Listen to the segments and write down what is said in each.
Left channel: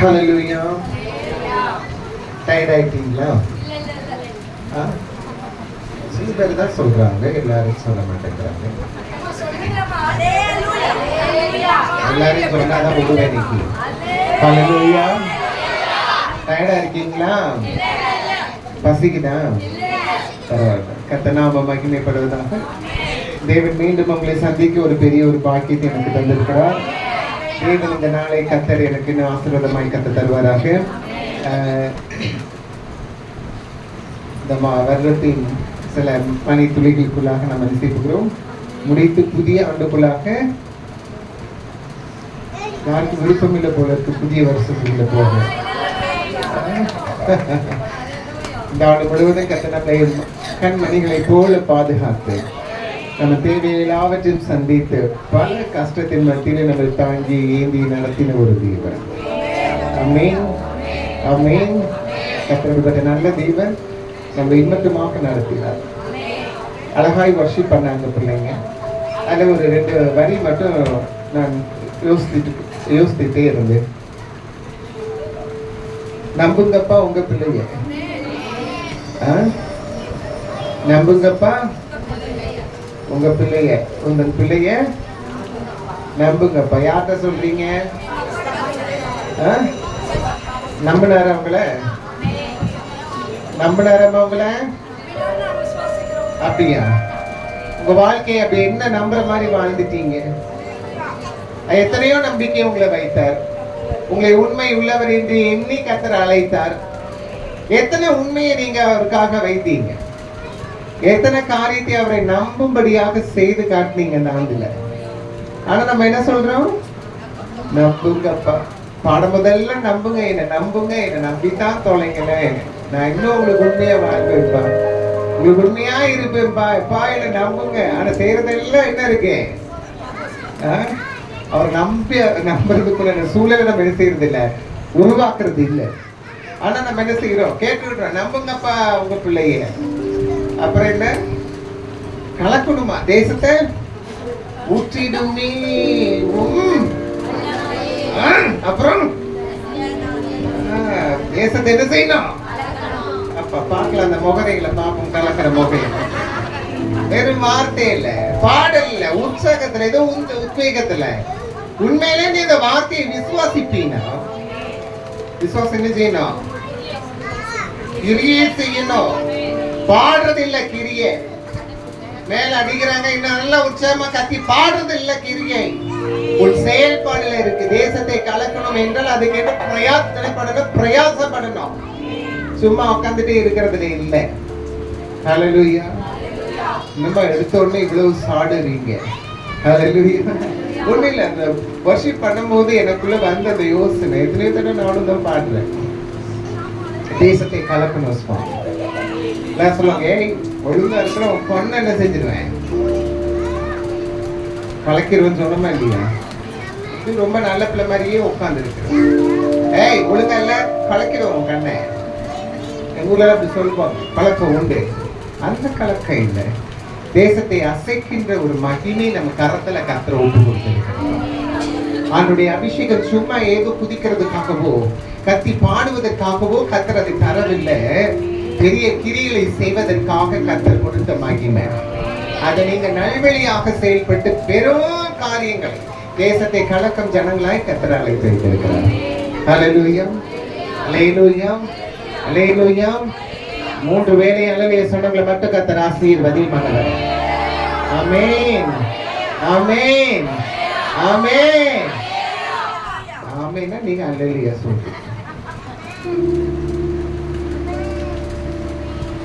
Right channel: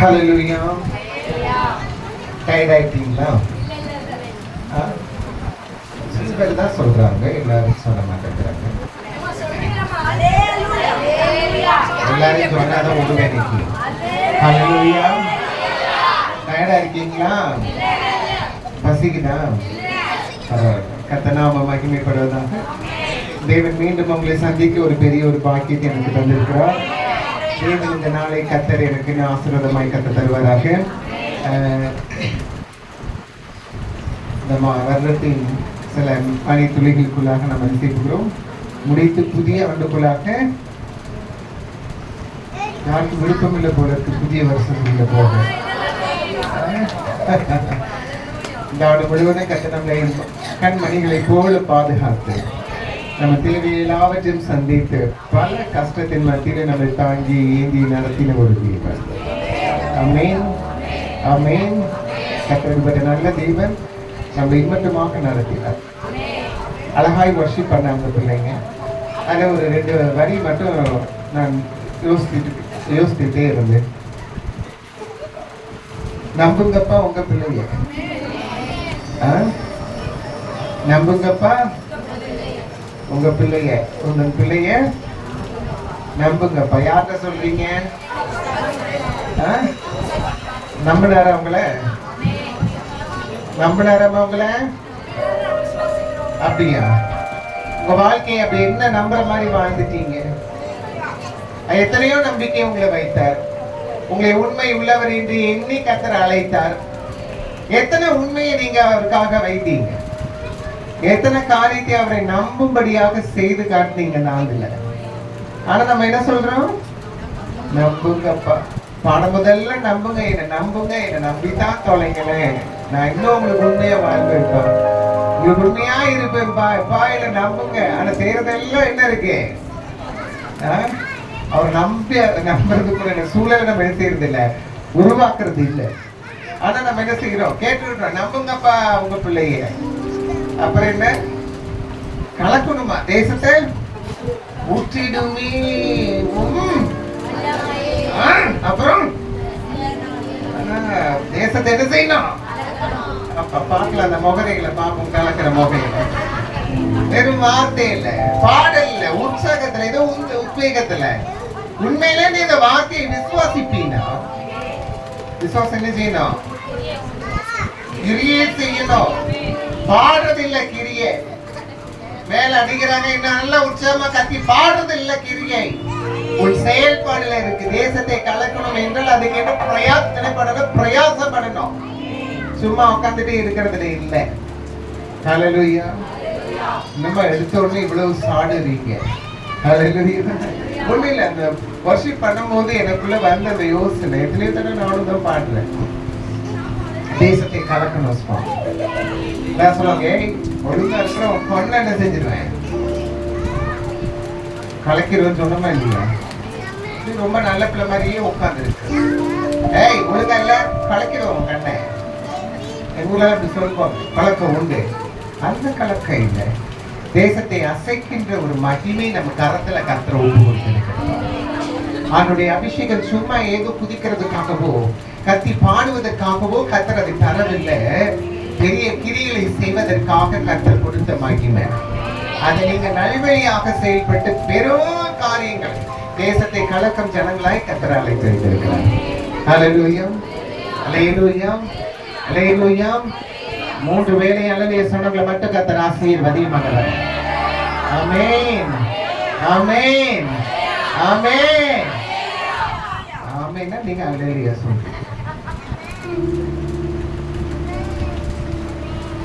ஹல்லேலூயா. Tired ஆயிட்டீங்களா? சீதர் தான் சொல்றாங்க, எல்லாரும் சொல்ல மாட்டேங்கிறாங்க. எல்லாரும் சொன்னாதான் உண்மை இன்னைக்கு. ஹல்லேலூயா. டயர்டா இருக்கீங்களா? பசிக்குதா? பரவாயில்ல. கர்த்தர் மகிமைப்படுவதாக. தேவன் மீண்டும் உங்களை சந்திக்க ஒரு பெரிய ஒரு பாக்கியத்தை எனக்கு தந்திருக்கிறார். மீண்டும் இந்த நாளை கர்த்தர் எனக்கு ஆசீர்வாதமாய் கத்த தருவாராக. இந்த வருடத்தின் சில பனி துளிகளுக்குள்ளாக நாம் சேர்க்கிறோம். முடித்து புதிய ஆண்டுக்குள்ளாக யாருக்கு விருப்பமில்லை போல இருக்கு புதிய வருஷத்துக்குள்ள போக. இந்த ஆண்டு முழுவதும் கத்த நம்மை கண்மணிகளை போல பாதுகாத்து நம்ம தேவையை எல்லாவற்றையும் சந்தித்து பல கஷ்டத்தின் மத்தியிலே நம்மை தாங்கி ஏந்தி நடத்தின ஒரு தேவன். ஆமென், ஆமென். கர்த்தருடைய நல்ல தேவன் நம்ம இம்மட்டுமாக நடத்தினார். அழகாய் வர்ஷிப் பண்ண அந்த பிள்ளைங்க. அதில் ஒரு 2 வரி மட்டும் நான் யோசித்துட்டே இருந்தேன். நம்புங்கப்பா உங்க பிள்ளைய, நம்புங்கப்பா உங்க பிள்ளைய, உங்க பிள்ளைய நம்புங்கப்பா. யார்கிட்ட சொல்றீங்க? நம்பினார உங்களை, நம்பினாரமா உங்களை? அப்படியா? உங்க வாழ்க்கையை அப்படி என்ன நம்புற மாதிரி வாழ்ந்துட்டீங்க? எத்தனையோ நம்பிக்கை உங்களை வைத்தார். உங்களை உண்மை உள்ளவர் என்று எண்ணி கர்த்தர் அழைத்தார். எத்தனை உண்மையை நீங்க அவருக்காக வைத்தீங்க? எத்தனை காரியத்தை அவரை நம்பும்படியாக செய்து காட்டினீங்க அந்த ஆண்டுல. ஆனா நம்ம என்ன சொல்றோம்? நம்புங்கப்பா. பாடம் முதல்ல நம்புங்க, என்ன நம்புங்க, என்ன நம்பித்தான் தொலைங்களேன். நான் இன்னும் உங்களுக்கு உண்மையா வாழ்ப்பேன்ப்பா, உங்களுக்கு உண்மையா இருப்பேன்ப்பா. எப்பா என்ன நம்புங்க. ஆனா செய்யறதெல்லாம் என்ன இருக்கு? அவர் நம்புறதுக்குள்ள சூழலை நம்ம என்ன செய்யறது இல்லை, உருவாக்குறது இல்லை. ஆனா நம்ம என்ன செய்யறோம்? கேட்டுக்கிட்டோம், நம்புங்கப்பா உங்க பிள்ளைய. அப்புறம் என்ன? கலக்கணுமா? தேசத்தை ஊற்றிடுமே. அப்புறம் தேசத்தை என்ன செய்யணும்? அப்ப பார்க்கலாம் அந்த முகரைகளை பார்ப்போம். கலக்கிற முகையில வெறும் வார்த்தை இல்ல, பாடல் இல்ல, உற்சாகத்துல, ஏதோ உத்வேகத்துல உண்மையிலே நீ இந்த வார்த்தையை விசுவாசிப்பீனா, விசுவாசம் என்ன செய்யணும்? கிரியை செய்யணும். பாடுறது இல்ல கிரியை. மேல அடிக்கிறாங்க, இன்னும் நல்ல உற்சாகமா கத்தி பாடுறது இல்ல கிரியை. ஒரு செயல்பாடுல இருக்கு. தேசத்தை கலக்கணும் என்றால் அதுக்கு என்ன பிரயாசப்படணும், பிரயாசப்படணும். சும்மா உட்காந்துட்டு இருக்கிறதுல இல்ல. ஹல்லேலூயா. நம்ம எடுத்த உடனே இவ்வளவு சாடுறீங்க. ஹல்லேலூயா. ஒண்ணும் இல்ல, அந்த வர்ஷிப் பண்ணும்போது எனக்குள்ள வந்த அந்த யோசனை எத்தனையோ தடவை நானும் தான் பாடுறேன். தேசத்தை கலக்கணும் சுவாமி. சொல்லுவாங்க, ஏய் ஒழுங்கா இருக்கிற உன் பொண்ணை என்ன செஞ்சிருவேன், கலக்கிடுவேன்னு சொன்னமா இல்லையா? இது ரொம்ப நல்ல பிள்ளை மாதிரியே உட்கார்ந்து இருக்கு. ஏய் ஒழுங்கா இல்ல, கலக்கிடுவோம் உன் கண்ணை. எங்க ஊர்ல அப்படி சொல்லுவோம், கலக்கம் உண்டு. அந்த கலக்கம் இல்லை, தேசத்தை அசைக்கின்ற ஒரு மகிமை நம்ம கரத்துல கர்த்தர் ஒப்பு கொடுத்திருக்கிறார். அவனுடைய அபிஷேகம் சும்மா ஏதோ குதிக்கிறதுக்காகவோ கத்தி பாடுவதற்காகவோ கர்த்தர் அதை தரவில்லை. பெரிய கிரிகளை செய்வதற்காக கர்த்தர் கொடுத்த மகிமை. அதை நீங்க நல்வழியாக செயல்பட்டு பெரும் காரியங்கள், தேசத்தை கலக்கம் ஜனங்களாய் கர்த்தர் அழைத்திருக்கிறார். ஹல்லேலூயா, ஹல்லேலூயா, ஹல்லேலூயா. 3 வேளை அளவிலே சொன்னவங்களை மட்டும் கர்த்தர் ஆசீர்வதிப்பார். ஆமென், ஆமென், ஆமென், ஆமென். நீங்க ஹல்லேலூயா சொல்லுங்க.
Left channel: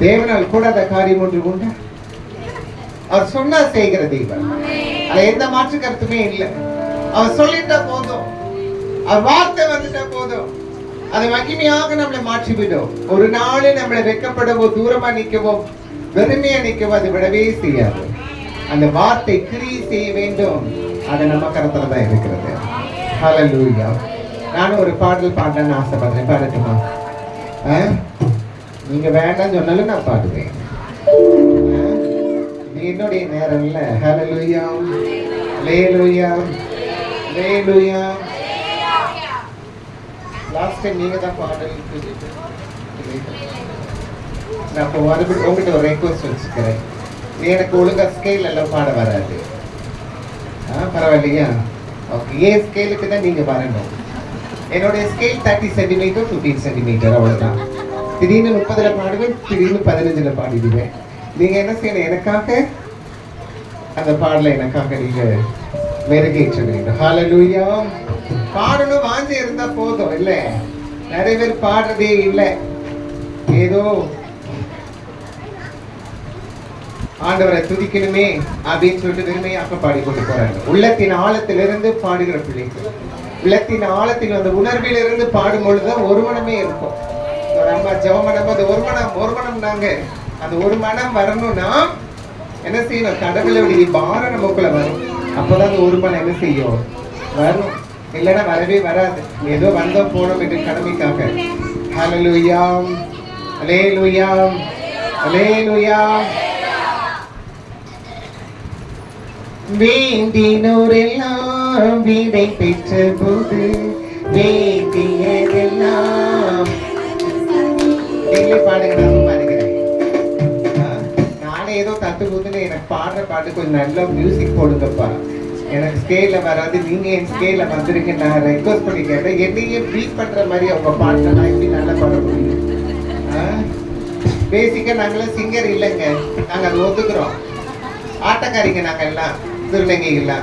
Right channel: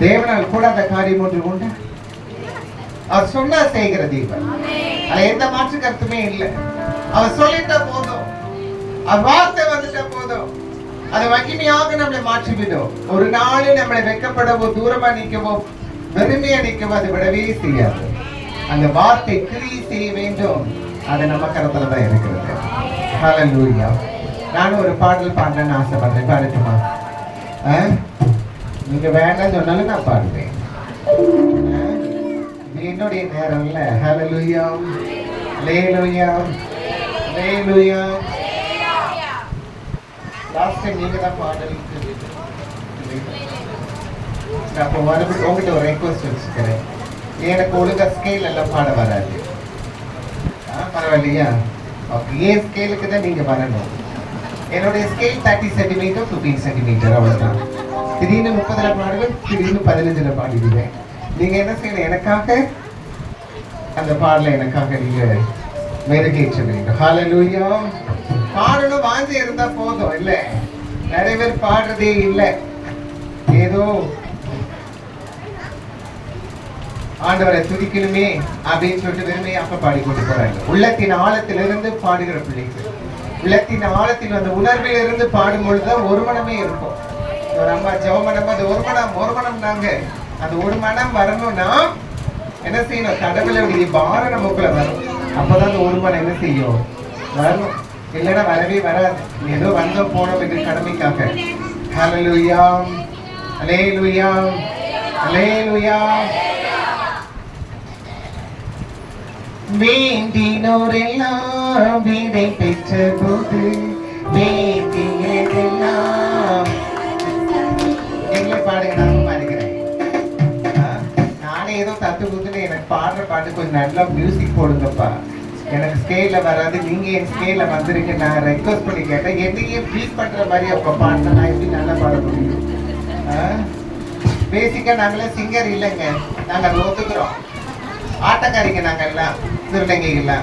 தேவனால் கூடாத காரியம் ஒன்று உண்டு. அவர் சொன்னா செய்கிற தெய்வம். அது எந்த மாற்று கருத்துமே இல்லை. அவர் சொல்லிட்டா போதும், அவர் வார்த்தை வந்துட்டா போதும், அது மகிமையாக நம்மளை மாற்றிவிடும். ஒரு நாள் நம்மளை வெட்கப்படவோ தூரமா நிற்கவோ வெறுமையா நிற்கவோ அது விடவே செய்யாது. அந்த வார்த்தை கிரியை செய்ய வேண்டும். அது நம்ம கரத்துல தான் இருக்கிறது. ஹல்லேலூயா. நான் ஒரு பாடல் பாடணும்னு ஆசைப்படுறேன். பாடட்டுமா? நீங்க வேண்டாம் சொன்னாலும் நான் பாடுவேன். என்னுடைய நேரம் இல்ல. ஹல்லேலூயா, ஹல்லேலூயா, ஹல்லேலூயா. லாஸ்ட் டைம் நீங்க தான் பாடல் நான் அப்போ மறுபடியும் உங்ககிட்ட ஒரு ரெக்வஸ்ட் வச்சுக்கிறேன். எனக்கு ஒழுங்கா ஸ்கேல் எல்லாம் பாட வராது. பரவாயில்லையா? ஓகே, ஏன் ஸ்கேலுக்கு தான் நீங்க வரணும். என்னுடைய ஸ்கேல் 30 சென்டிமீட்டர் 15 சென்டிமீட்டர் அவ்வளவுதான். திடீர்னு 30ல பாடுவேன், திடீர்னு 15ல பாடிடுவேன். நீங்க என்ன செய்யணும், எனக்காக அந்த பாடல எனக்காக நீங்க மெருகேற்ற வேண்டும். ஹல்லேலூயா. பாடணும் வாஞ்சி இருந்தா போதும். இல்ல நிறைய பேர் பாடுறதே இல்லை, ஏதோ ஆண்டவரை துதிக்கணுமே அப்படின்னு சொல்லிட்டு வெறுமையாக பாடி கொண்டு போறாங்க. உள்ளத்தின் ஆழத்திலிருந்து பாடுகிற பிள்ளைகள், உள்ளத்தின் ஆழத்தில் அந்த உணர்விலிருந்து பாடும் பொழுதுதான் ஒரு மனமே இருக்கும். நம்ம ஜெபம் பண்ணும்போது ஒரு மனம் நாங்க அந்த ஒரு மனம் வரணும்னா என்ன செய்யணும், கடவுளுடைய பாரம் நமக்குள்ள வரும். அப்பதான் அந்த ஒரு மனம் என்ன செய்யும், வரணும். இல்லைன்னா வரவே வராது. ஏதோ வந்தோம் போனோம் இது கடமைக்காக. ஹல்லேலூயா, ஹல்லேலூயா, ஹல்லேலூயா. வேண்டினோரெல்லாம் வீடை பெற்ற போது வேண்டியதெல்லாம் பாடுங்க. நான் பாடுகிறேன். நானே ஏதோ தத்து கூத்துன்னு எனக்கு பாடுற பாட்டு கொஞ்சம் நல்லா மியூசிக் போடுங்கப்பா. எனக்கு ஸ்கேல வராது, நீங்க என் ஸ்கேல வந்துருங்க. நான் ரெக்வஸ்ட் பண்ணி கேட்டேன், என்னையே பீட் பண்ற மாதிரி அவங்க பாட்டு நான் எப்படி நல்லா பாட முடியும்? பேசிக்கா நாங்களே சிங்கர் இல்லைங்க, நாங்க அதை ஒத்துக்கிறோம். ஆட்டக்காரிங்க நாங்க எல்லாம், திருநங்கைகளா.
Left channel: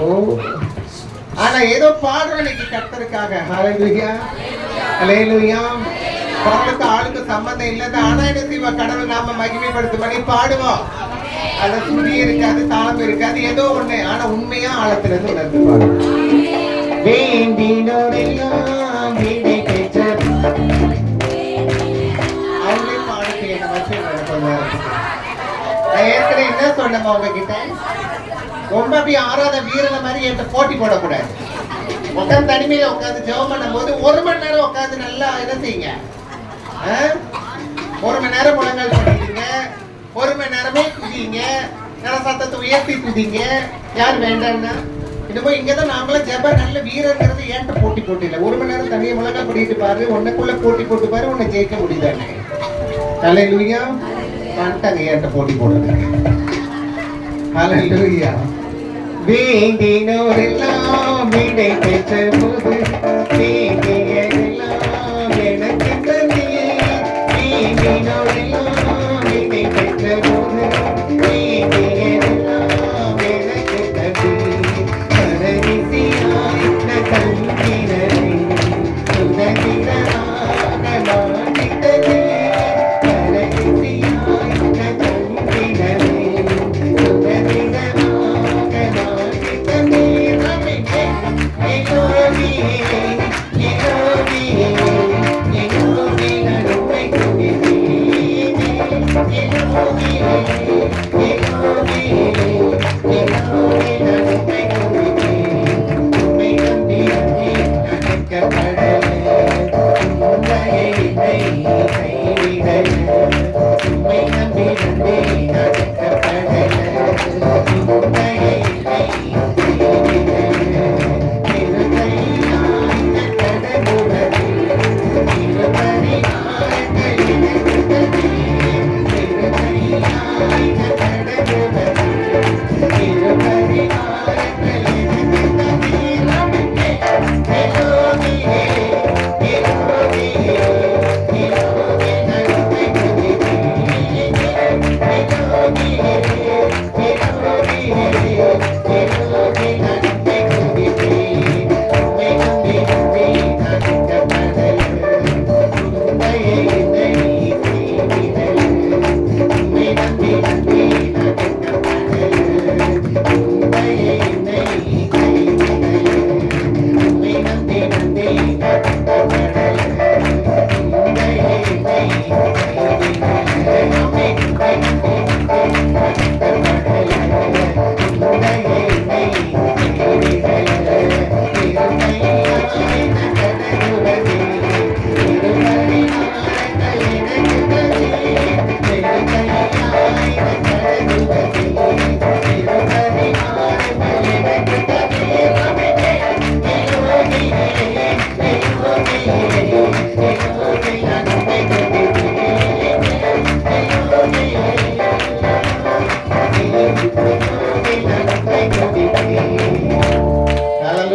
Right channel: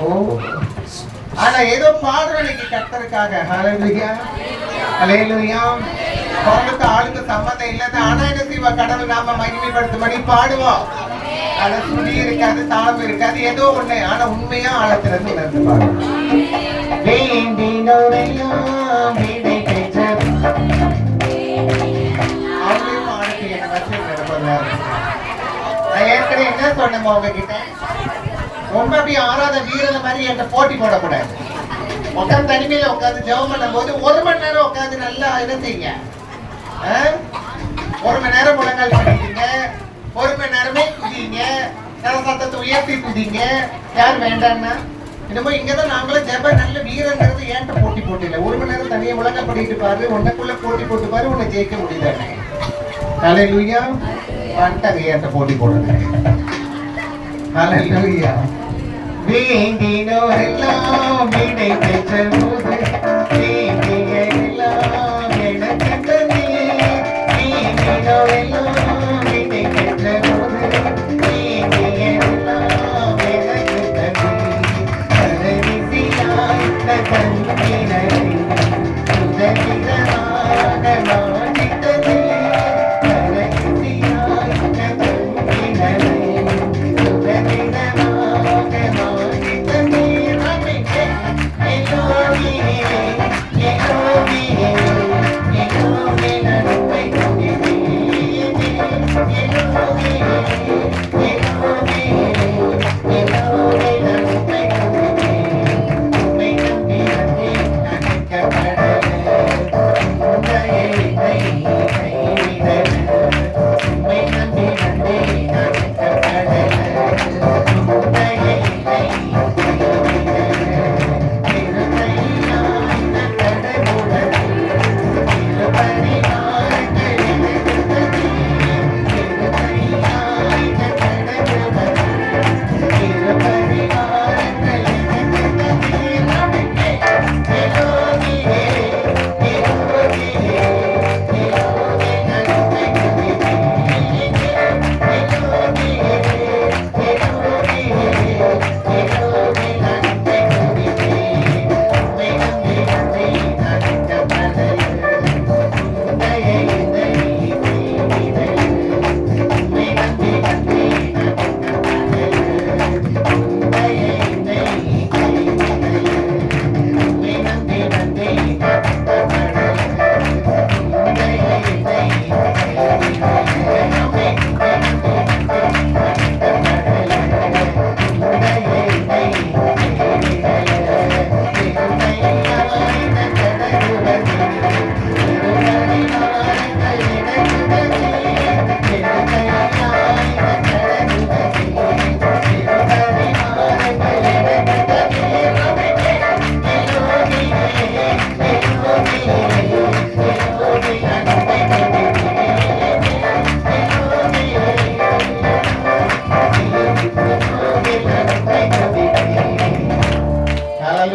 ஓ, ஆனா ஏதோ பாடுறோம் இன்னைக்கு கர்த்தருக்காக. ஹல்லேலூயா, ஹல்லேலூயா. அவனுக்கு ஆளுக்கு சம்பந்தம் இல்லது. ஆனா என்ன செய்வா, கடவுள் நாம மகிமைப்படுத்தும்படி பாடுவோம். அது சுழி இருக்காது, தாளம் இருக்காது, ஏதோ ஒண்ணு. ஆனா உண்மையா ஆழத்திலிருந்து உணர்ந்து பாடுவோம். வேண்டினோரெல்லாம் வீடை பெற்ற நான் ஏற்கனவே என்ன சொன்னேன் உங்ககிட்ட, ரொம்ப அப்படி ஆறாத வீரன மாதிரி என்கிட்ட போட்டி போடக்கூடாது. உட்காந்து தனிமையில உட்காந்து ஜெபம் பண்ணும் போது 1 மணி நேரம் உட்காந்து நல்லா என்ன செய்யுங்க. 1 மணி நேரம் முழங்கால் பண்ணிட்டீங்க, 1 மணி நேரமே குதிங்க, சத்தத்தை உயர்த்தி குதிங்க. யார் வேண்டான்னா என்னமோ இங்கதான் நாங்களும் ஜெப நல்ல வீரங்கிறது ஏன்ட்ட போட்டி போட்டு இல்லை. 1 மணி நேரம் தனியாக முழங்கால் பண்ணிட்டு பாரு, உன்னைக்குள்ள போட்டி போட்டு பாரு, உன்னை ஜெயிக்க முடியுதானே. ஹல்லேலூயா. வந்துட்டாங்க ஏன்ட்ட போட்டி போடுங்க. ஹல்லேலூயா. வேண்டினோரெல்லாம் வீடை பெற்ற போது வேண்டியதெல்லாம் எனக்கு தந்தீ. வேண்டினோரெல்லாம் வீடை பெற்ற போது வேண்டியதெல்லாம் எனக்கு தந்தீ. பரதிசியாய் தந்தினரை சுதந்திரமாக மாற்றித்ததே. பரதிசியாய் தந்தினரை சுதந்திரமாக மாற்றித்ததே.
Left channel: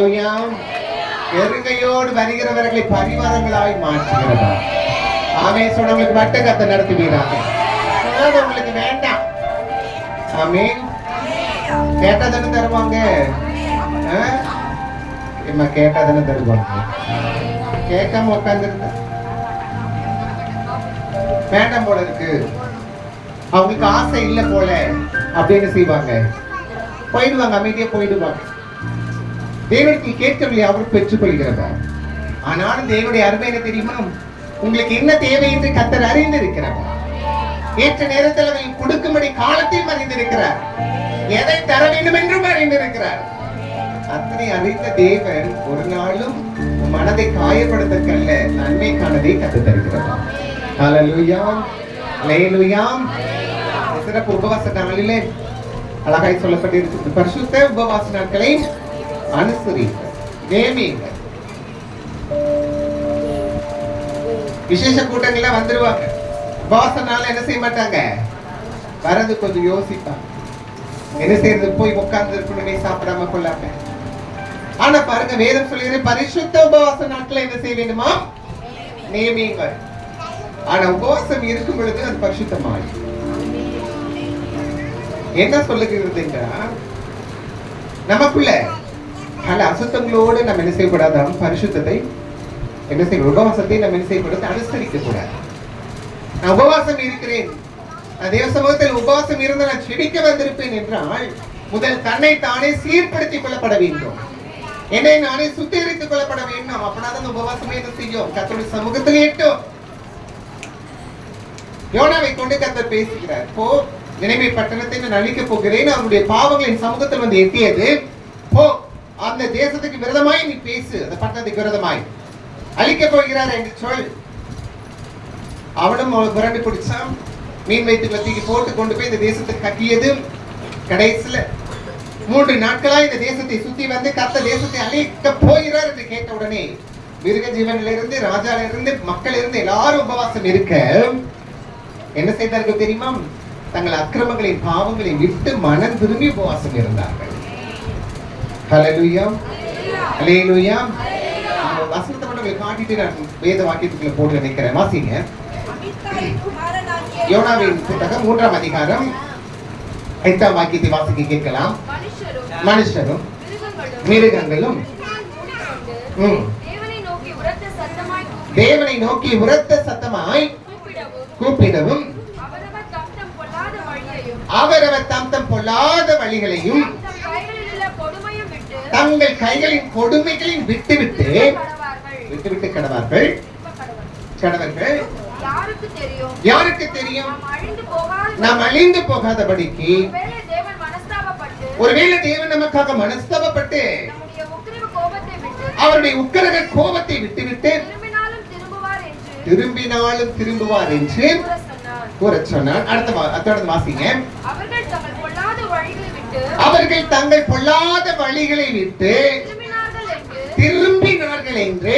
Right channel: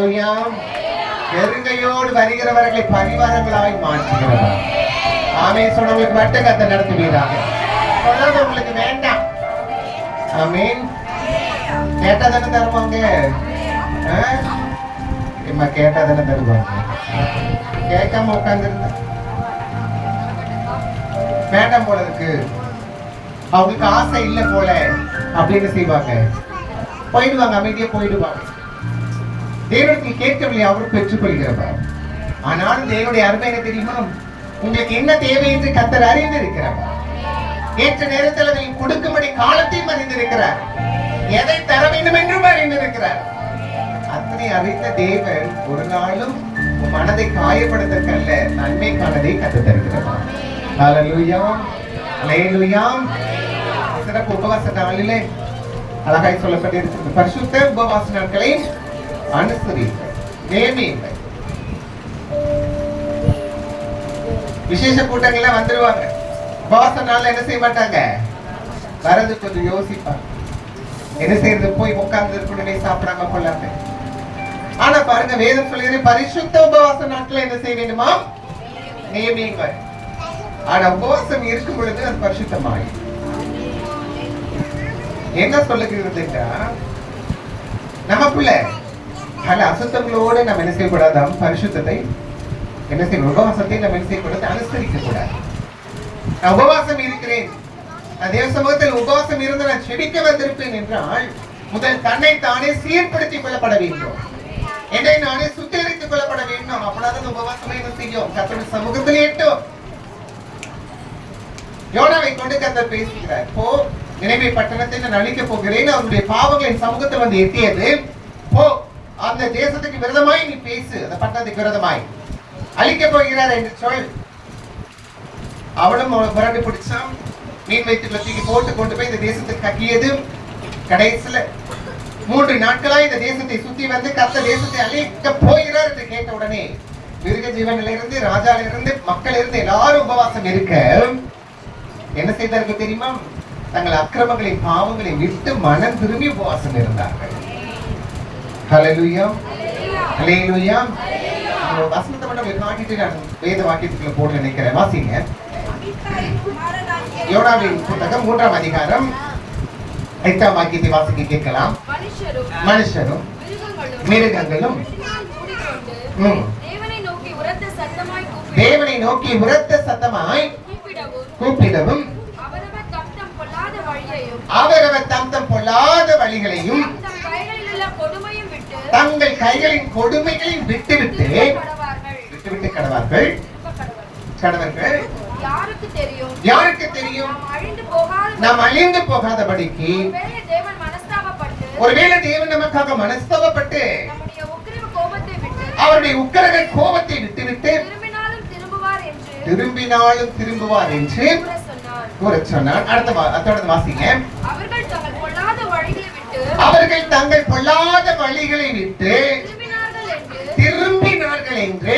ஹalleluya. எருங்கையோடு வருகிறவர்களை பரிவாரங்களாய் மாற்றுகிறவர். ஆமென். சொன்னவங்களுக்கு மட்டும் கர்த்தர் நடத்துவீராக. சொன்னது உங்களுக்கு வேண்டாம். ஆமென். கேட்டதானே தருவாங்க. இம்மா கேட்டதானே தருவாங்க. கேட்காம உட்கார்ந்துருந்தா வேண்டாம் போல இருக்கு, அவங்களுக்கு ஆசை இல்லை போல அப்படின்னு செய்வாங்க, போயிடுவாங்க, அமைதியா போயிடுவாங்க. தேவனுக்கு கேட்கவில்லை, அவர் பெற்றுக்கொள்கிறவர். ஆனாலும் தேவனுடைய அருமை என்ன தெரியுமா? உங்களுக்கு என்ன தேவை என்று கர்த்தர் அறிந்திருக்கிறார். ஏற்ற நேரத்தில் அதை கொடுக்கும்படி காலத்தையும் அறிந்திருக்கிறார். எதை தர வேண்டும் என்றும் அறிந்திருக்கிறார். அத்தனை அறிந்த தேவன் ஒரு நாளும் மனதை காயப்படுத்தற்கல்ல, நன்மைக்கானதை கற்றுத் தருகிறார். ஹalleluya, ஹalleluya. சிறப்பு உபவாச நாளிலே அழகாய் சொல்லப்பட்டிருக்கிறது. பரிசுத்த உபவாச நாட்களை அனுசரிங்கள், நேமியுங்கள். விசேஷ கூட்டங்கள்லாம் வந்துருவாங்க. உபவாச நாள்ல என்ன செய்ய மாட்டாங்க, வரது கொஞ்சம் யோசிப்பாங்க. என்ன செய்யறது, போய் உட்கார்ந்து இருக்கணுமே, சாப்பிடாம கொள்ளாம. ஆனா பாருங்க, வேதம் சொல்லுகிற பரிசுத்த உபவாச நாட்களை என்ன செய்ய வேண்டுமா, நியமியுங்கள். ஆனா உபவாசம் இருக்கும் பொழுது அது பரிசுத்தமாய் என்ன சொல்லுகிறது என்றால், நமக்குள்ள பல அசுத்தங்களோடு நம்ம என்ன செய்யக்கூடாதாம், பரிசுத்தத்தை என்ன செய்ய, உபவாசத்தை நம்ம என்ன செய்யக்கூடாது, அனுசரிக்க கூடாது. நான் உபவாசம் இருக்கிறேன், தேவ சமூகத்தில் உபவாசம் இருந்து நான் செபிக்க வந்திருப்பேன் என்றால், முதல் தன்னை தானே சீர்படுத்திக் கொள்ளப்பட வேண்டும், என்னை நானே சுத்திகரித்துக் கொள்ளப்பட வேண்டும். அப்படிதான் உபவாசமே என்ன செய்யும், கர்த்தருடைய சமூகத்தில் எட்டும். யோனாவை கொண்டு கர்த்தர் பேசுகிறார். போ, நினைவே பட்டணத்தை நான் அழிக்கப் போகிறேன், அவருடைய பாவங்களின் சமூகத்தில் வந்து எட்டியது. போ, அந்த தேசத்துக்கு விரோதமாய் நீ பேசு, அந்த பட்டணத்துக்கு விரோதமாய் அழிக்கப் போகிறார் என்று சொல். அவனும் புரண்டு பிடிச்சான், மீன் வைத்துக்களை தூக்கி போட்டு கொண்டு போய் இந்த தேசத்துக்கு கட்டியது. கடைசியில 3 நாட்களா இந்த தேசத்தை சுத்தி வந்து கர்த்தர் தேசத்தை அழிக்க போகிறார் என்று கேட்ட உடனே மிருக ஜீவனிலிருந்து, ராஜாலிருந்து, மக்கள் இருந்து எல்லாரும் உபவாசம் இருக்க என்ன செய்தார்கள் தெரியுமா, தங்கள் அக்கிரமங்களையும் பாவங்களையும் விட்டு மனம் திரும்பி உபவாசம் இருந்தார்கள். ஹalleluya, ஹalleluya. வசனத்தை மட்டும் காட்டிட்டு நான் வேத வாக்கியத்துக்குள்ள போட நினைக்கிறேன். வாசிங்க. யோனாவின் புத்தகம் 3ஆம் அதிகாரம் 8ஆம் வாக்கியத்தை வாசிக்க கேட்கலாம். மனுஷரும் மிருகங்களும் தேவனை நோக்கி உரத்த சத்தமாய் கூப்பிடவும், அவரவர் தம் பொல்லாத வழிகளையும் தங்கள் கைகளின் கொடுமைகளையும் விட்டுவிட்டு கடவார்கள். யாருக்கு தெரியும், நாம் அழிந்து போகாதபடிக்கு. ஒருவேளை தேவன் நமக்காக மனஸ்தாபப்பட்டு அவருடைய உக்கிர கோபத்தை விட்டுவிட்டு திரும்பினாலும் திரும்புவார் என்று கூற சொன்னார். அடுத்த வாசிங்க. அவர்கள் தங்கள் பொல்லாத வழிகளை விட்டு திரும்பினார்கள் என்று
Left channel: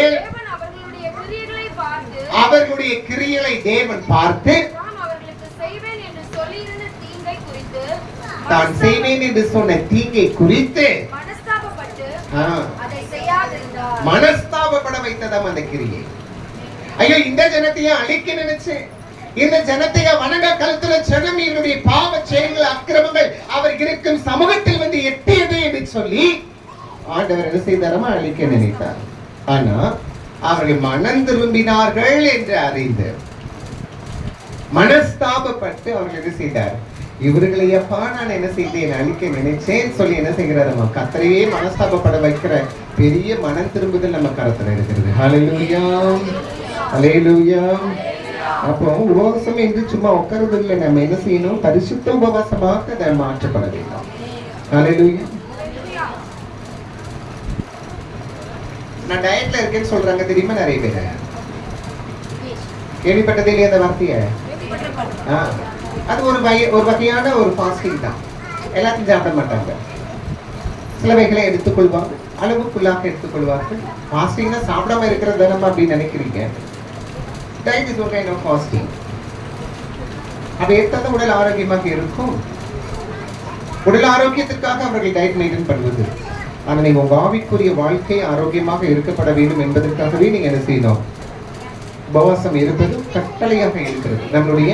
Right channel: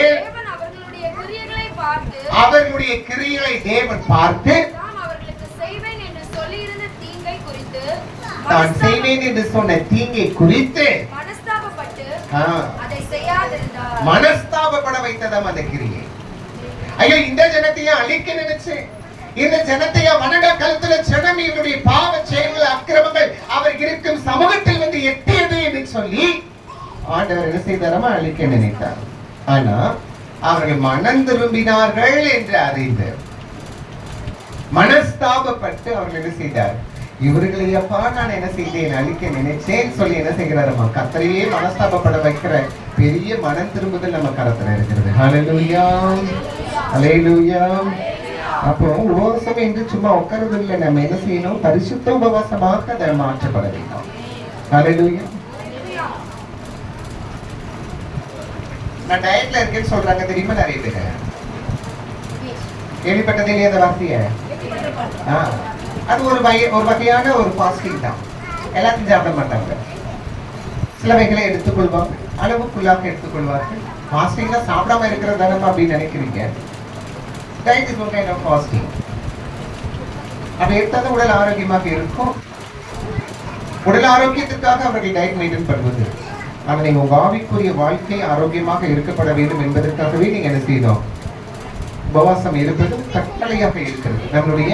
அவர்களுடைய கிரியைகளை தேவன் பார்த்து தான் செய்வேன் என்று சொன்ன தீங்கை குறித்து மனஸ்தாபப்பட வைத்ததாம் அந்த கிரியை. ஐயோ, இந்த ஜனத்தையே அழிக்க நினைச்சேன், இந்த ஜனத்தையே வணங்க கழுத்துல ஜனம் இவருடைய பாவ செயல்கள், அக்கிரமங்கள் அவர் இருக்கும் சமூகத்தில் வந்து எட்டியது என்று சொல்லி ஆண்டவர் என்ன செய்தாரமா, அழிக்க நினைத்தார். ஆனா அவர்கள் மனம் திரும்பினார்கள் என்று அறிந்து மனஸ்தாபப்பட்டு அவர்கள் என்ன செய்தார், இவர்களை அப்பா நான் என்ன செய்தேன், அழிக்க நினைச்சேன் சொல்லி என்ன செய்கிறாரமா, கர்த்தரையே மனஸ்தாபப்பட வைக்கிற பெரிய மனம் திரும்புதல் நம்ம கரத்துல இருக்கிறது. ஹalleluya, ஹalleluya. அப்போ உபவாசம் என்று சும்மா உட்கார்றது இல்லை, நம்ம என்ன செய்யணும், பரிசுத்த உபவாசமாக அதை மாற்றப்பட வேண்டும். ஹalleluya. நான் டயட்ல இருக்கேன்னு சொல்றாங்க தெரியுமா நிறைய பேர், கேள்விப்பட்டதே இல்லையா அந்த வார்த்தையை? அது ஒரு வகையான ஒரு ஃபாஸ்டிங் தான். எல்லாத்தையும் சாப்பிட மாட்டாங்க, சிலவைகளை எடுத்துக்கொள்வாங்க, அளவுக்குள்ளாக எடுத்துக்கொள்வார்கள். ஃபாஸ்டிங்னா சாப்பிடாம இருக்கிறது தானே அப்படின்னு நினைக்கிறீங்க. டயட் இஸ் ஒரு கைண்ட் ஆஃப் ஃபாஸ்டிங். அப்படி எடுத்தால் உடல் ஆரோக்கியமாக இருக்கும். உடல் ஆரோக்கியத்திற்காக அவர்கள் டயட் மெயின்டைன் பண்ணுவது. ஆனா நீங்க உங்க ஆவிக்குரிய வாழ்க்கை ஆரோக்கியமாக இருக்கப்பட வேண்டும் என்பதற்காகவே நீங்க என்ன செய்யணும்? உபவாசம் இருப்பது கட்டளையாக இருக்கிறது, நம்மளுடைய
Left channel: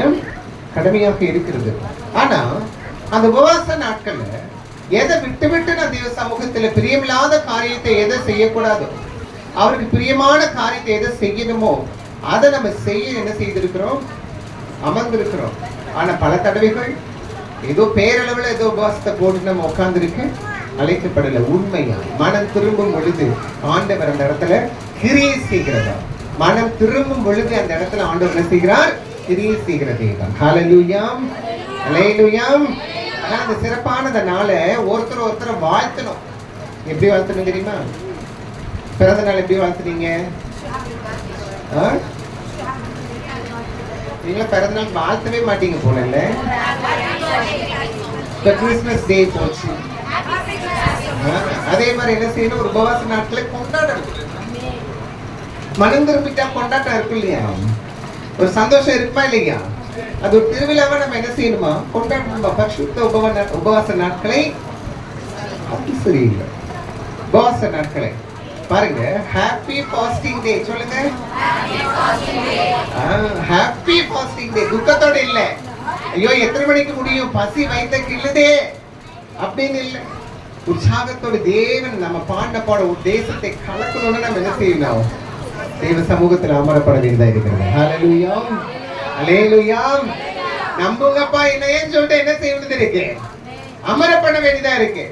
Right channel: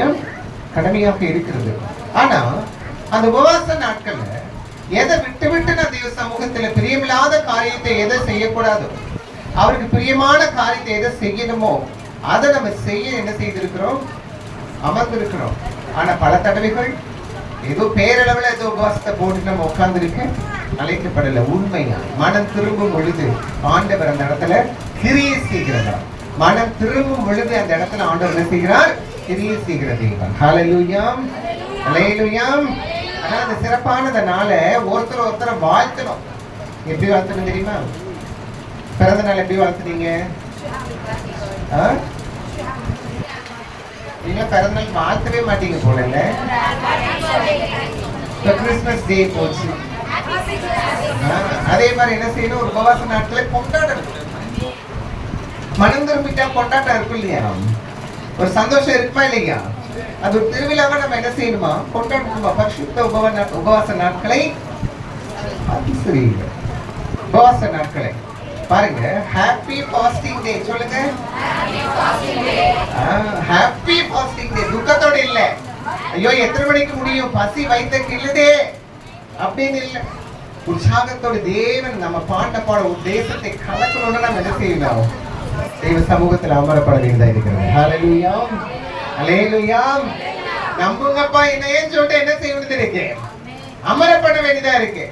கடமையாக இருக்கிறது. ஆனா அந்த உபவாச நாட்கள்ல எதை விட்டு விட்டு நான் தேவ சமூகத்துல பிரியமில்லாத காரியத்தை எதை செய்யக்கூடாதோ, அவருக்கு பிரியமான காரியத்தை எதை செய்யணுமோ அதை நம்ம செய்ய என்ன செய்திருக்கிறோம்? அமர்ந்திருக்கிறோம். ஆனா பல தடவைகள் ஏதோ பேரளவுல ஏதோ உபவாசத்தை போட்டு நம்ம உட்கார்ந்துருக்க அழைக்கப்படல. உண்மையா மனம் திரும்பும் பொழுது ஆண்டவர் அந்த இடத்துல கிரியை செய்கிறதா? மனம் திரும்பும் பொழுது அந்த இடத்துல ஆண்டவர் என்ன செய்கிறார்? கிரியை செய்கிற தெய்வம். ஹல்லேலூயா, ஹல்லேலூயா. ஆனா அந்த சிறப்பானத நாள ஒருத்தர் வாழ்த்தணும். எப்படி வாழ்த்தணும் தெரியுமா? பிறந்த நாள் எப்படி வாழ்த்துனீங்க? நீங்க பிறந்த நாள் வாழ்த்தவே மாட்டீங்க போல இல்ல? கிறிஸ்மஸ் டே போச்சு. அதே மாதிரி என்ன செய்யணும்? ஒரு உபவாச நாட்களை கொண்டாடணும். மனம் திரும்பிட்டா கொண்டாட்டம் இருக்கும் இல்லையா? ஒரு சந்தோஷம் இருக்குமா இல்லையா? அது ஒரு திருவிழாவை நம்ம என்ன செய்யணுமா? கொண்டாடணுமா? பரிசுத்த உபவாச நாட்களை சரியில்லை. உபவாச நாட்களை பாருங்க. ஹாப்பி ஃபாஸ்டிங் டே சொல்லுங்க. ஹாப்பி ஃபாஸ்டிங் டே. துக்கத்தோட இல்ல, ஐயோ எத்தனை மணிக்கு முடியும், பசி வயிற்றுக்கு இல்லதே அப்படின்னு இல்லை. உற்சாகத்தோட தேவன் நம்ம பாண்ட பாட தேசத்தை கலக்கணும்னு நம்ம என்ன செய்யணும்? தெய்வ சமூகத்தில் அமரப்பட வேண்டியதா இருக்கிறது. ஹல்லேலூயா, ஹல்லேலூயா. நம்புங்கப்பா, என்னையும் சொல்லிட்டு என்ன செய்யணும்னு இருக்கு? அமரப்பட வேண்டியதா இருக்கு.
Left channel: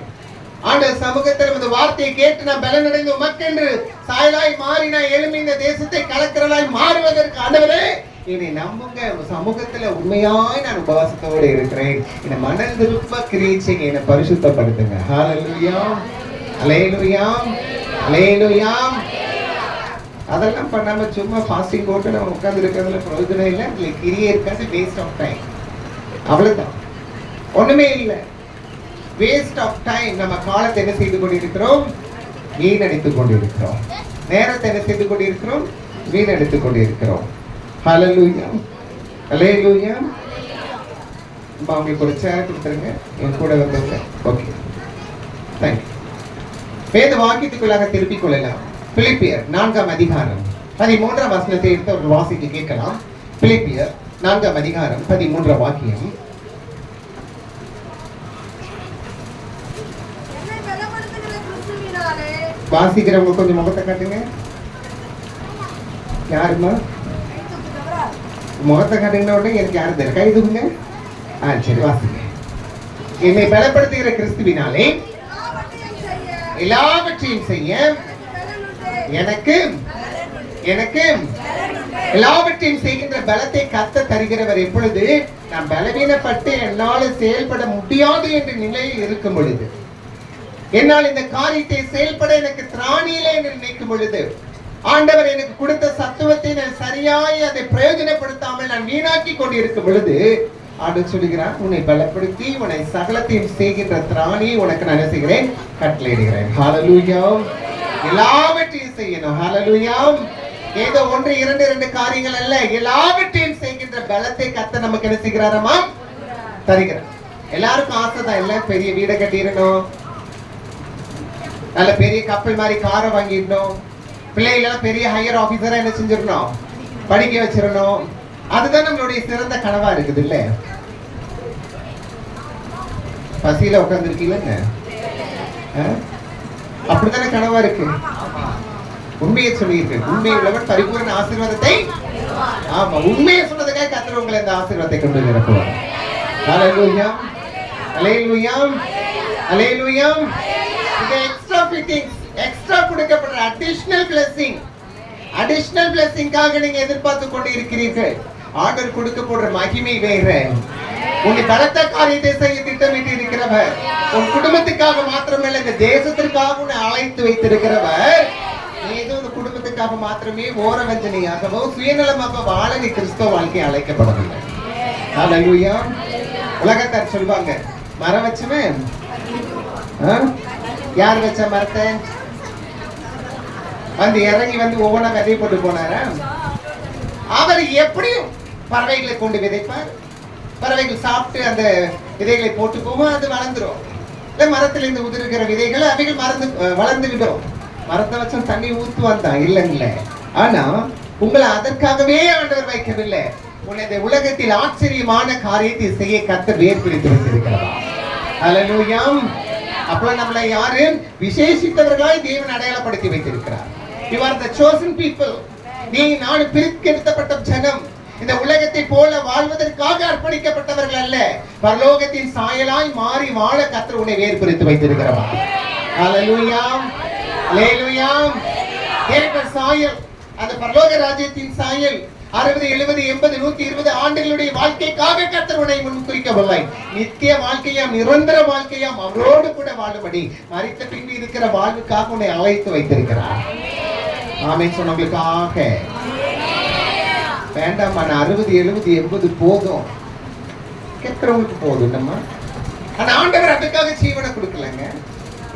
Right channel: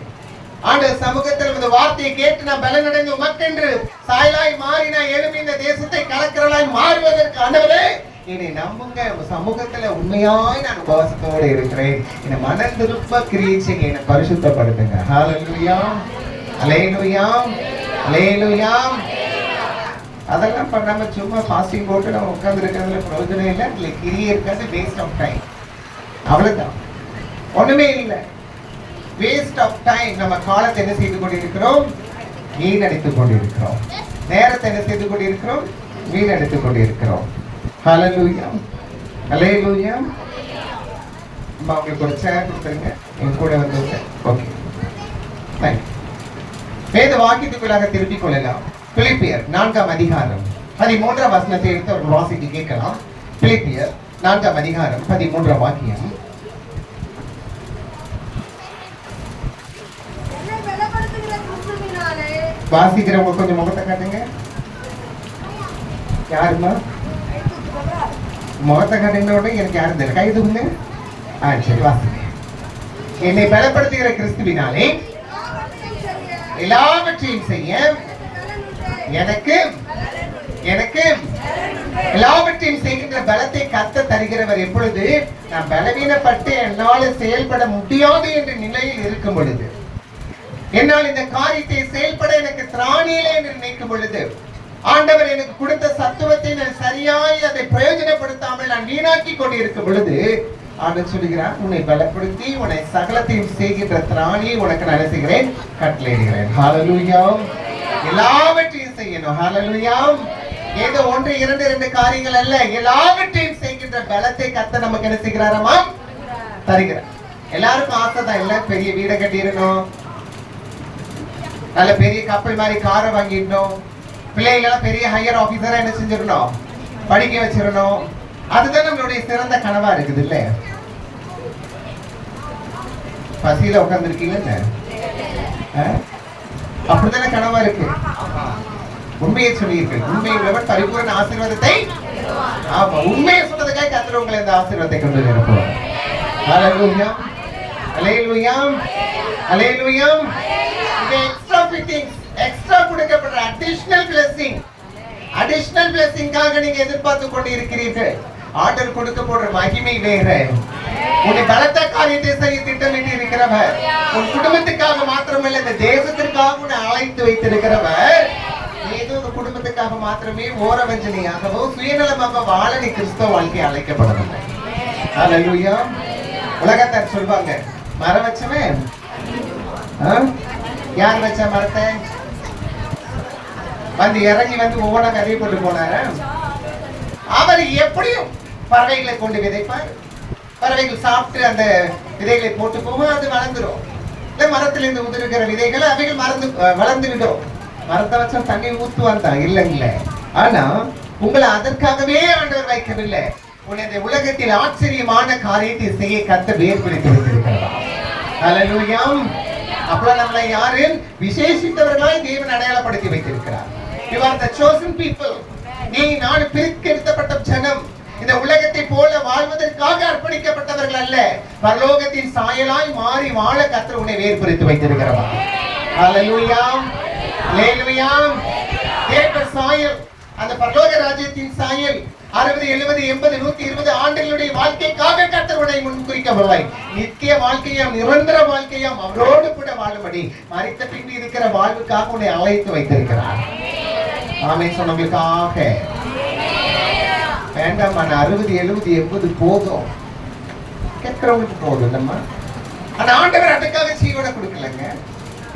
ஆண்டவர் சமூகத்தில் இந்த வார்த்தையை கேட்டு நான் பலனடைந்து உமக்கென்று சாயலாய் மாறி நான் எழும்பி இந்த தேசத்தை கலக்கிறலாய் மாறுவதற்கு ஆண்டவரே என்னை நம்புங்க. சமூகத்துல உண்மையாய் நான் உபவாசத்தோடு இருக்கிறேன். என்னை மனம் திரும்ப கிரியை செய்ய என்னை பரிசுத்தப்படுத்துங்க. ஹல்லேலூயா, ஹல்லேலூயா, ஹல்லேலூயா. அதெல்லாம் பண்ணாம சும்மா ஃபாஸ்டிங் போட்டு நம்ம உட்கார்ந்து இருக்கிறதுல பிரயோஜனம் இல்லை. இல்லை கிரியை இருக்காது, வேஸ்ட் ஆஃப் டைம். அவ்வளவுதான், ஒண்ணுமே இல்லை. Waste of time. நம்ம காலத்தை என்ன செய்து கொண்டிருக்கிறோம்? வீணடித்துக் கொண்டிருக்கிறோம். நேரத்தை என்ன செய்து கொண்டிருக்கிறோம்? வீணடித்துக் கொண்டிருக்கிறோம். ஹல்லேலூயா, ஹல்லேலூயா. உங்களுக்கு ஒரு சேர் கொடுத்துருங்க, என் கூட வந்துருங்க. Okay, thank you. வேத வாக்கியத்துக்குள்ளாக திருப்பிக் கொள்ளலாம். பிலிப்பியர் 4ஆம் அதிகாரம் 13ஆம் வசனத்தை எடுத்து ஒரு வாசிக்க கேட்கலாம். பிலிப்பியர் 4ஆம் அதிகாரம் 13ஆம் வாக்கியம். வாசிக்கிறவங்க கொஞ்சம் முகத்தை காட்டுங்க. யாருமா முகத்தை காட்டுங்க? எனக்கு யாரும் தெரியல, கை தூங்க. சரி, வாசிங்க. என்னை பலப்படுத்துகிற கிறிஸ்துவினாலே எல்லாவற்றையும் செய்ய எனக்கு எல்லாவற்றையும் செய்கின்ற பலத்தை கர்த்தர் தருகிறவர். எப்பொழுது நான் பலவீனப்பட்டு என்னால் செயல்பட முடியாது என்ற நிலையில் இருக்கும் பொழுது, என்னால் இந்த காரியத்தை செயல்பட எனக்கு திராணியிலே என்று நினைக்கும் பொழுது, ஆண்டவர் எனக்கு கொடுத்த சத்துவத்தை நான் சரியாய் அதை பிரயோஜனப்படுத்தாமல் நான் வீணாக்கி கொண்டிருக்கும் பொழுது, ஆண்டவர் சொல்லுகிறார், உன்னை பலப்படுத்தி உன்னை சகலத்தையும் செய்கின்ற திராணியை உனக்கு நான் செய்கிறேன், கட்டளையிடுகிறேன். ஹல்லேலூயா. எல்லாவற்றையும் செய்யணும். ஹல்லேலூயா. ஏதோ 1 2 2 காரியங்கள் அல்ல, எல்லாவற்றையும் செய்கின்ற பலத்தை கர்த்தர் நமக்கு என்ன செய்கிறாராமா? தருகிறார். எல்லாருக்கும் ஆசை தான், இல்ல பெரிய வீடை கட்டிடணும், நல்ல பெரிய கப்பல் மாதிரி காரை வாங்கிடணும், பிள்ளைகளெல்லாம் பெரிய ஹையர் ஆபீசரா என்ன செஞ்சிடணும், படிக்க வச்சிடணும். அதுதான் நம்மளுடைய சிறந்த கனவா இருக்குது. இல்ல பசியில உட்கார்ந்து இருக்கீங்க, அப்படித்தானே கனவா இருக்கு. உண்மையை சொல்லியிருக்கு, உண்மை உள்ளவன் பரிபூரண ஆசீர்வாதத்தை. ஆமா, உண்மையை சொன்னதுக்காக கர்த்தர் உங்களை இந்த ஆசீர்வாதத்தை கொண்டு நிரப்புவார். Hallelujah, hallelujah, hallelujah. Extra fittings, extra கொடுக்கப்படுற அடிஷனல் பிளெஸிங், அடிஷனல் பிளெஸிங்காக நீங்க எதிர்பார்த்து கொண்டு இருக்கிறீர்கள். ஆர்டர் கொடுக்கப்படுற மகிமை வேற. உன்னை பலத்த காரியத்தை செய்ய திட்டமிட்டு இருக்கிறவர், உன் குடும்பத்துக்காக மாத்திரமல்ல இந்த தேசத்திற்காக உன்னை அழைத்து வைத்திருக்கிறவர். ஏதோ ஒரு குடும்பத்துக்காக மாத்திரமே ஓரவஞ்சனையாகவோ சுயநலமாக வாழ நீ கிறிஸ்தவ வாழ்க்கை அழைக்கப்படவில்லை. ஹல்லேலூயா. உலகத்தார் சொல்வாங்க, மரம் வச்சவன் யார் வச்ச மரத்தை வந்து இறங்கி வந்து ஒவ்வொன்றா கதை போட்டு போனார. அவர் எப்படியும் பறவைகளை கொண்டு விதைப்பார், பறவைகள் சாப்பிட்டு அந்த விதைகளை போட்டு போகும், அது வளர்ந்துரும். இல்ல மரத்திலிருந்து உதிர்கிற விதைகள் அவைகள் வளர்ந்து விடும். மரத்தை வச்சா தண்ணி ஊத்துவான் தான் இல்லைங்களே. ஆனா உங்களை அதற்காகவே ஆண்டவர் வைக்கவில்லை. உன்னை உலகத்தில் ஆச்சரியமான காரியத்தை செய்ய கர்த்தர் ஏற்படுத்தி வைத்திருக்கிறார். அல்லேலூயா. அப்ப நம்மளை யாரு விசேஷித்தவர்களாய் தேவன் அடையாளப்படுத்தி வைத்திருக்கிறார். You are the chosen people. நீ நான் பிரித்தெடுக்கப்பட்ட ஜனம். இந்த உலகத்தை போல வாழ்வதற்காக அர்ப்பணிக்கப்பட்டவர்கள் அல்ல. பரலோகத்தின் சாயலாய் மாறி வாழ கர்த்தர் உன்னை வேறுபடுத்தி வைத்திருக்கிறார். அல்லேலூயா. அல்லேலூயா. தேவ சாயல், அந்த பரலோக ராஜ்யத்தின் சாயல் 60 70 80 120 ஆண்டுகளுடைய வாழ்க்கைக்காக கர்த்தர் உன்னை முன்குறிக்கவில்லை. நித்திய வாழ்க்கையாம் நிரந்தர வாழ்க்கையாம் அவரோடு கூட வாழும்படி மரித்த பின்பு இருக்கிற வாழ்வுக்காக உன்னை அழைத்து வைத்திருக்கிறார். ஆமென் சொன்னவங்களுக்காக வேண்டாம். 60 70 80 போதும், கேட்கிறவங்களுக்கு போதும். நம்ம ஆனா ஆண்டவர் அதுக்காக ஜீவனை கொடுக்கலங்க.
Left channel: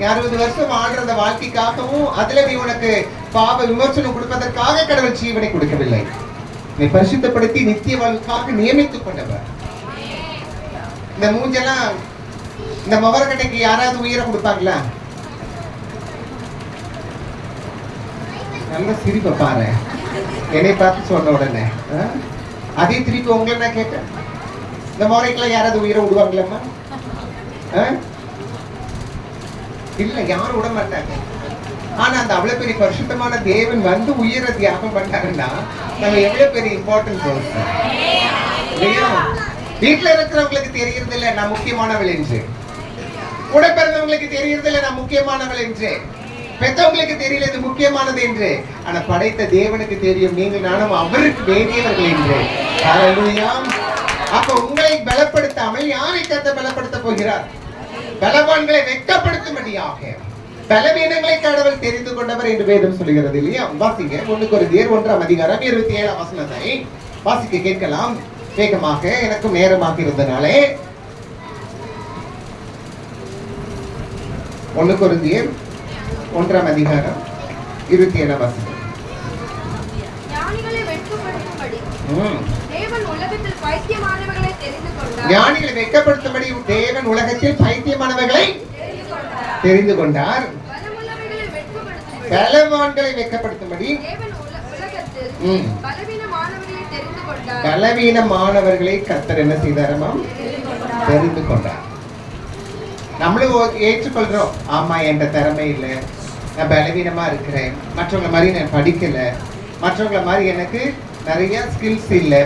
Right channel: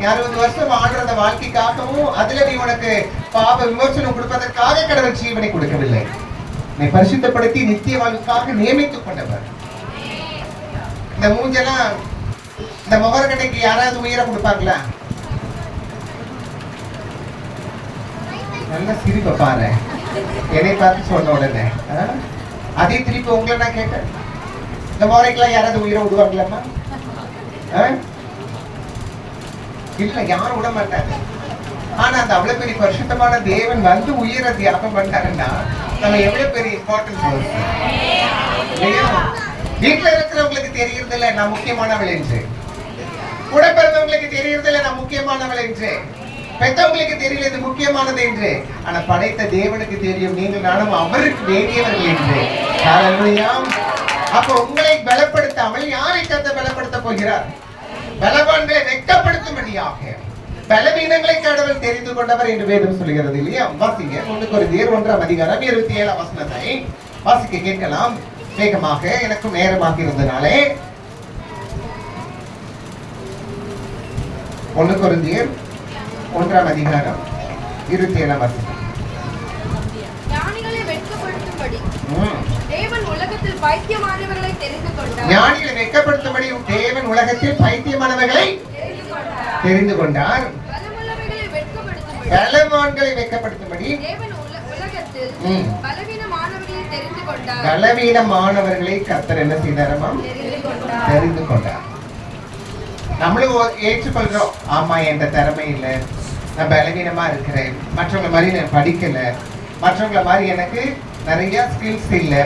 60 வருஷம் வாழ்ற வாழ்க்கைக்காகவும் அதுல நீ உனக்கு பாவ விமோசனம் கொடுப்பதற்காக கடவுள் ஜீவனை கொடுக்கவில்லை. நீ பரிசுத்தப்படுத்தி நித்திய வாழ்வுக்காக நியமித்துக் கொண்டவர். இந்த மூஞ்செல்லாம் இந்த மவர்கடைக்கு யாராவது உயிரை கொடுப்பாங்களா? நல்ல சிரிப்பை பாரு. என்னை பார்த்து சொன்ன உடனே அதே திருப்பி உங்களை நான் கேட்டேன், இந்த மவரைக்கெல்லாம் யாராவது உயிரை விடுவாங்களாமா? இல்ல, யாரும் விட மாட்டாங்க. ஆனா அந்த அவ்வளவு பெரிய பரிசுத்தமான தேவன் வந்து உயிரை தியாகம் பண்ணாருன்னா நம்ம எவ்வளவு பெரிய இம்பார்ட்டன்ஸ் இல்லையா? வீட்டுல இருக்கிறவங்களுக்கு தெரியறது இல்லை நான் முக்கியமானவள் என்று, கூட பிறந்தவங்களுக்கு தெரியறது இல்லை நான் முக்கியமானவள் என்று, பெற்றவங்களுக்கு தெரியல இது முக்கியமானது என்று. ஆனா படைத்த தேவனுக்கு தெரியும் நீங்கள் நானும் அவருக்கு வேண்டியவர்கள் என்று. ஹல்லேலூயா. அப்ப உங்களை பலப்படுத்தாமல் யாரை கர்த்தர் பலப்படுத்த போகிறார்? பலவான்களை வெட்கப்படுத்தும்படியாக பலவீனங்களை கடவுள் தெரிந்து கொண்டவர் என்று வேதம் சொல்லுகிறது இல்லையா? வாசிங்க 1 கொரிந்தியர் 1:27 வாசிக்க கேட்கலாம் வேகமாக. எனக்கு நேரமாக இருந்தனாலே 1 கொரிந்தியர் 1:27 ஞானிகளை வெட்கப்படுத்தும்படி தேவன் உலகத்தில் பைத்தியமானவர்களை தெரிந்து கொண்டார். பலவான்களை வெட்கப்படுத்தும்படி பலவீனமானவர்களை கர்த்தர் என்ன செய்தாரமா? தெரிந்து கொண்டார். நம்மளும் ஏற்றுக்கொள்றோம், ஆமா என்ற திறமை இல்லை, நான் பலவீனமா இருக்கிறேன், மற்றவங்களை மாதிரி நான் படிக்கல, மற்றவங்களை மாதிரி எனக்கு நிறைய ஸ்கில்ஸ் இல்லை,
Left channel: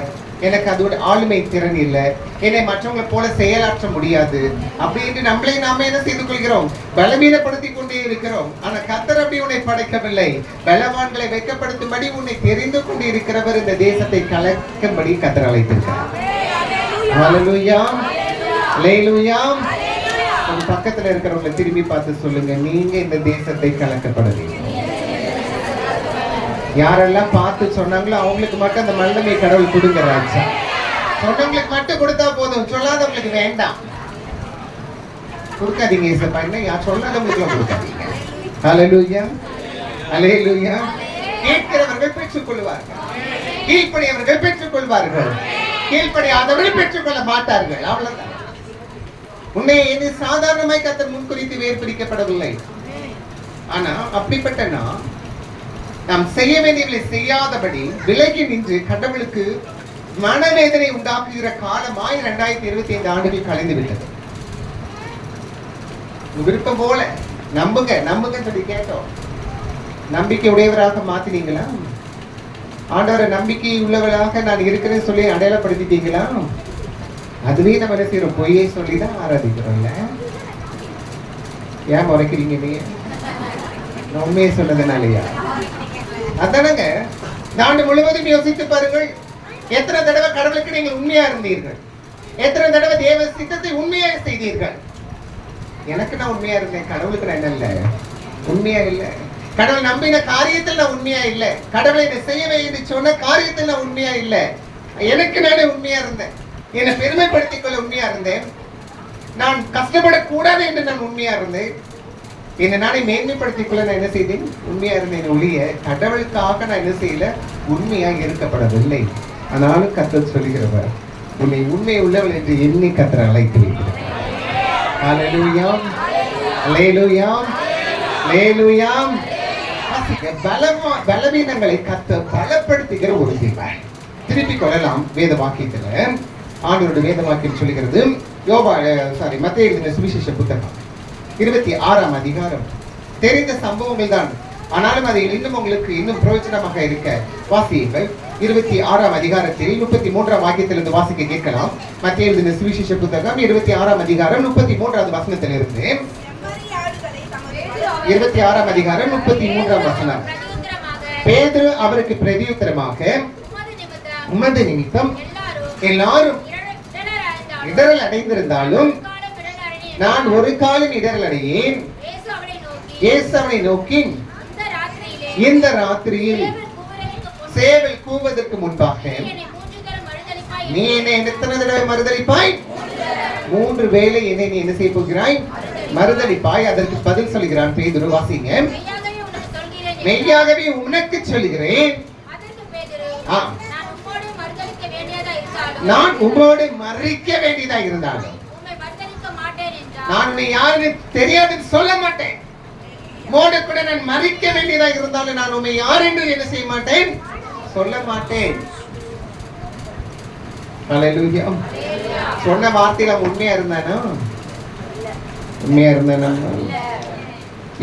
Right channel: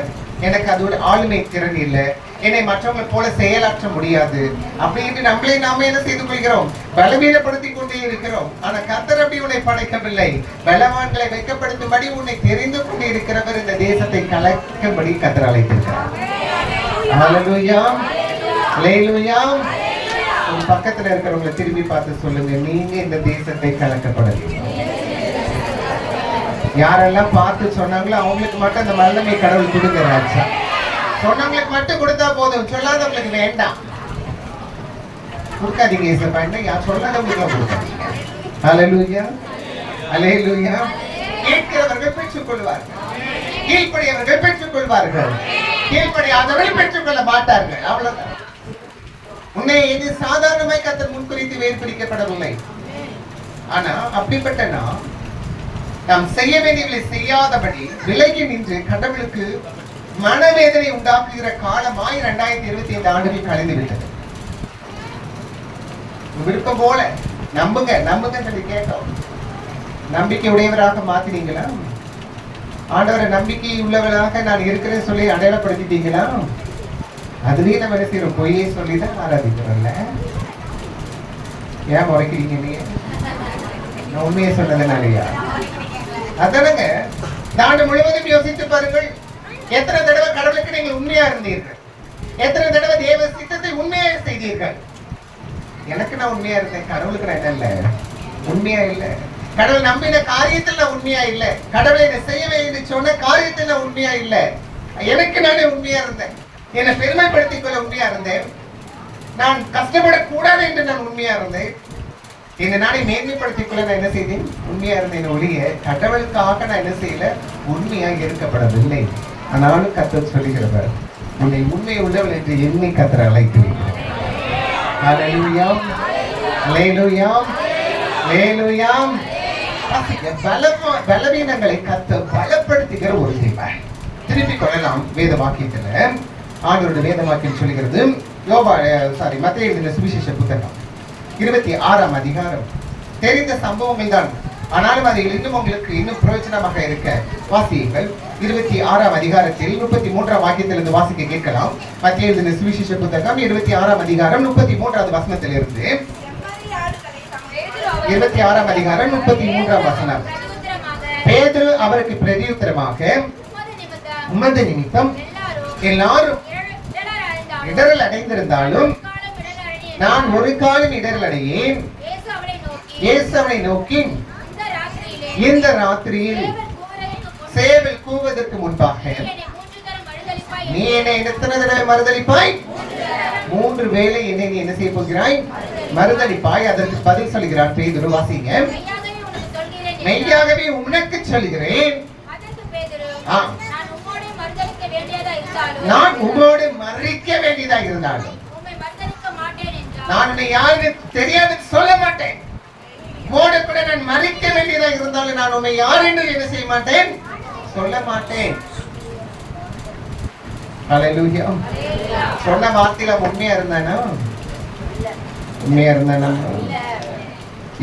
எனக்கு அதோட ஆளுமை திறன் இல்லை, என்னை மற்றவங்களை போல செயலாற்ற முடியாது அப்படின்னு நம்மளே நாம என்ன செய்து கொள்கிறோம்? பலவீனப்படுத்தி கொண்டே இருக்கிறோம். ஆனா கர்த்தர் அப்படி உன்னை படைக்கவில்லை. பலவான்களை வெட்கப்படுத்தும்படி உன்னை தெரிந்து கொண்டு இருக்கிறவர் இந்த தேசத்தை கலக்கும்படி கர்த்தர் அழைத்திருக்கிறார். ஹல்லேலூயா. ஹல்லேலூயா. ஒரு பக்கத்துல இருக்கிறவங்களை திரும்பி பார்த்து சொல்லுங்க, நீங்க இந்த தேசத்தை கலக்கப்படவில்லை. யாரெல்லாம் பார்த்து சொன்னாங்களோ அவங்களுக்கு மட்டும் அந்த வல்லமை கடவுள் கொடுக்கிறார். சொன்னவங்களுக்கு மட்டும் கொடுத்தா போதும், சொல்லாதவங்களுக்கு வேண்டாம். கொடுக்காதீங்க இயேசுப்பா, யார் சொல்லாதவங்களுக்கு கொடுக்காதீங்க. ஹல்லேலூயா. ஹல்லேலூயா. கேட்கிறவர்கள் பெற்றுக் கொள்வார்கள், கீழ்ப்படியவர்கள் பெற்றுக் கொள்வார்கள், கீழ்ப்படியாதவர்கள் பெற்றுக் கொள்ள மாட்டார்கள். அவ்வளவுதான். உன்னை இது சாதாரணமாய் கர்த்தர் முன்குறித்து வேறுபிரிக்கப்படவில்லை. ஆனா அப்படிப்பட்ட நாம் செய்ய வேண்டியவர்களை செய்யாதபடி விலகி நின்று கடவுளுக்கு மனவேதனை உண்டாக்குகிற காலமாய் 2025 ஆண்டுகள் கலைந்து விட்டது. விருப்பம் போல நம்புங்க சொல்லி கேட்டோம். நம்பிக்கை உடையவராக மாத்தினீங்களா? ஆண்டவரை நம்பிக்கை உள்ளவராக நான் இருக்கிறேன்னு சொல்லி அடையாளப்படுத்திட்டீங்களா? அதுவே நம்ம என்ன செய்யறோம்? பொய்யே சொல்லிதான் ஆராதிக்கிறோம்ல. ஏன் முறைக்கிறீங்க? நீங்க நான் உண்மையை சொன்னதுனாலயா? அதானங்க. இந்த ஆண்டு முழுவதும் யோசித்து பாருங்கள், எத்தனை தடவை கடவுளுக்கு நீங்கள் உண்மையா இருந்தீர்கள், எத்தனை தடவை தேவ சித்தத்தை உண்மையா செய்தீர்கள். எனக்கு நான் உண்மையா இருந்தேன், கடவுளுக்கு நான் என்ன இல்லை உண்மையா இல்லை. கடவுள் நம்பின காரியத்தில் நான் உண்மையா இல்லை, கடவுளை இதை செய்யவே என்று சொன்ன காரியத்தில் நான் உண்மையா இல்லை. எனக்கு நானே உண்மையா இருந்தேன், என்னை பெருமைப்படுத்திக் கொள்ள உண்மையா இருந்தேன், நான் கஷ்டப்படக்கூடாது என்று நான் உண்மையா இருந்தேன், என்னை நானே மேன்மைப்படுத்திக் கொள்ள நான் என்ன செய்தேன்? உண்மையா இருந்தேன் ஒழிய கடவுளுக்காக நான் என்ன செய்யல? உண்மையாக இருக்கப்படவில்லை. ஆனாலும் கர்த்தர் சொல்லுகிறவர், உன்னை உண்மை உள்ளவள் என்று எண்ணி கர்த்தர் அழைக்கிறீர்கள். ஹல்லேலூயா. அல்லேலூயா, அல்லேலூயா. பலவீனங்களை கர்த்தர் பலப்படுத்துகிற ஒரு தேவன். திருப்பி கொள்ளலாம் வேத வாக்கியத்துல. ஆண்டவருடைய வேத வாக்கியம் சொல்லுகிறது, மத்தேயு எழுதின சுவிசேஷ புத்தகம் 26ஆம் அதிகாரம். தெரிந்த சம்பவங்கள் தான், ஆனாலும் அதை இன்னும் உங்களுக்கு இன்னும் பிரயோஜனமாக இருக்க வாசியுங்கள். 26ஆம் அதிகாரத்தில் 33ஆம் வாக்கியத்திலிருந்து வாசிக்க கேட்கலாம். மத்தேயு எழுதின சுவிசேஷ புத்தகம் 26ஆம் அதிகாரம் 33வது வசனத்திலிருந்து 26ஆம் அதிகாரம் 33ஆம் வசனம். பேதுரு அவருக்கு பிரதியுத்தரமாக, உமது நிமித்தம் எல்லாரும் இடரல் அடைந்திருந்தாலும் நான் ஒரு காலம் இடரல் அடையேன். இயேசு அவனை நோக்கி, இந்த ராத்திரியில் சேவை கூவதற்கு முன்பாக நீ என்னை எத்தனை தடவை மறுதலிப்பாய்? 3 வேளை என்னை நீ என்ன செய்ய போகிறாய்? மறுதலிப்பாய். அதற்கு பதில் சொல்கிறான் பேதுரு. வாசிங்க. மெய்யாகவே உனக்கு சொல்கிறேன், நான் உம்மோடு மறிக்க வேண்டியதா இருந்தாலும் நான் உன்னை யாருன்னு தெரியாதுன்னு சொல்ல மாட்டேன். உம்மோடு கூட நான் மறிக்க வேண்டியதா இருந்தாலும் நான் உன்னை யார் என்று என்ன செய்ய மாட்டேன், சொல்ல மாட்டேன். ஹல்லேலூயா. சொன்ன வார்த்தையில உண்மையா இருந்தானா? உண்மையா இருந்தானா?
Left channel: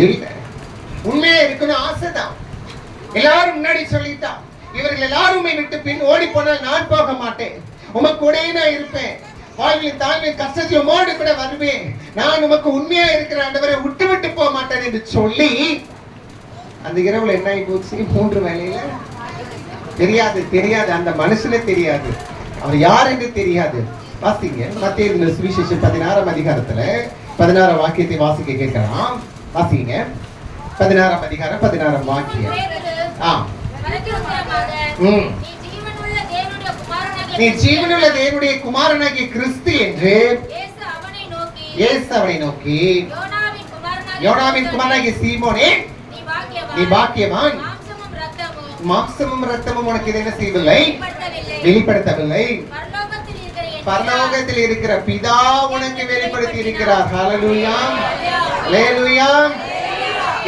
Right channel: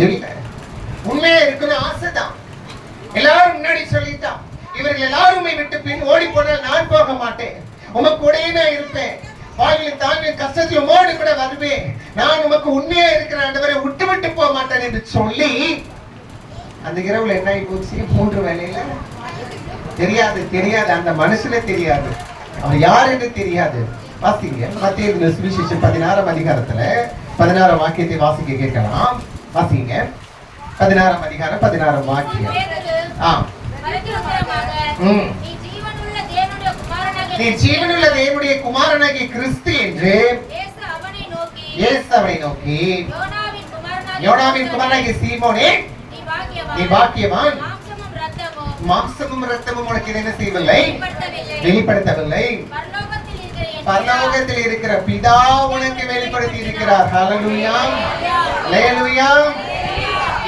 இல்ல. உண்மையா இருக்கணும் ஆசைதான். எல்லாரும் முன்னாடி சொல்லிட்டான், இவர்கள் எல்லாருமே விட்டு பின் ஓடி போனால் நான் போக மாட்டேன், உமக்கு கூடயே நான் இருப்பேன், வாழ்வில் தாங்க கஷ்டத்தில் உமோடு கூட வருவேன், நான் உமக்கு உண்மையா இருக்கிற ஆண்டவரை விட்டு விட்டு போக மாட்டேன் என்று சொல்லி அந்த இரவுல என்ன ஆகி போச்சு? 3 வேளையில தெரியாது அந்த மனுஷனே தெரியாது, அவர் யார் என்று தெரியாது. வாசிங்க. மத்தேயு சுவிசேஷம் 16ஆம் அதிகாரத்துல 16ஆம் வாக்கியத்தை வாசிக்க கேட்கலாம். வாசிங்க. 16ஆம் அதிகாரம் 16ஆம் வாக்கியம். நீ ஜீவனுள்ள தேவனுடைய குமாரனாகிய கிறிஸ்து என்று இயேசு அவனை நோக்கி, யோனாவின் குமாரனாகிய சீமோனே, நீ பாக்கியவான், மாம்சமும் இரத்தமும் உனக்கு என்ன செய்யவில்லை, வெளிப்படுத்தவில்லை, பரலோகத்தில் இருக்கிற பிதா உனக்கு வெளிப்படுத்தி இருக்கிறார். ஹல்லேலூயா, ஹல்லேலூயா.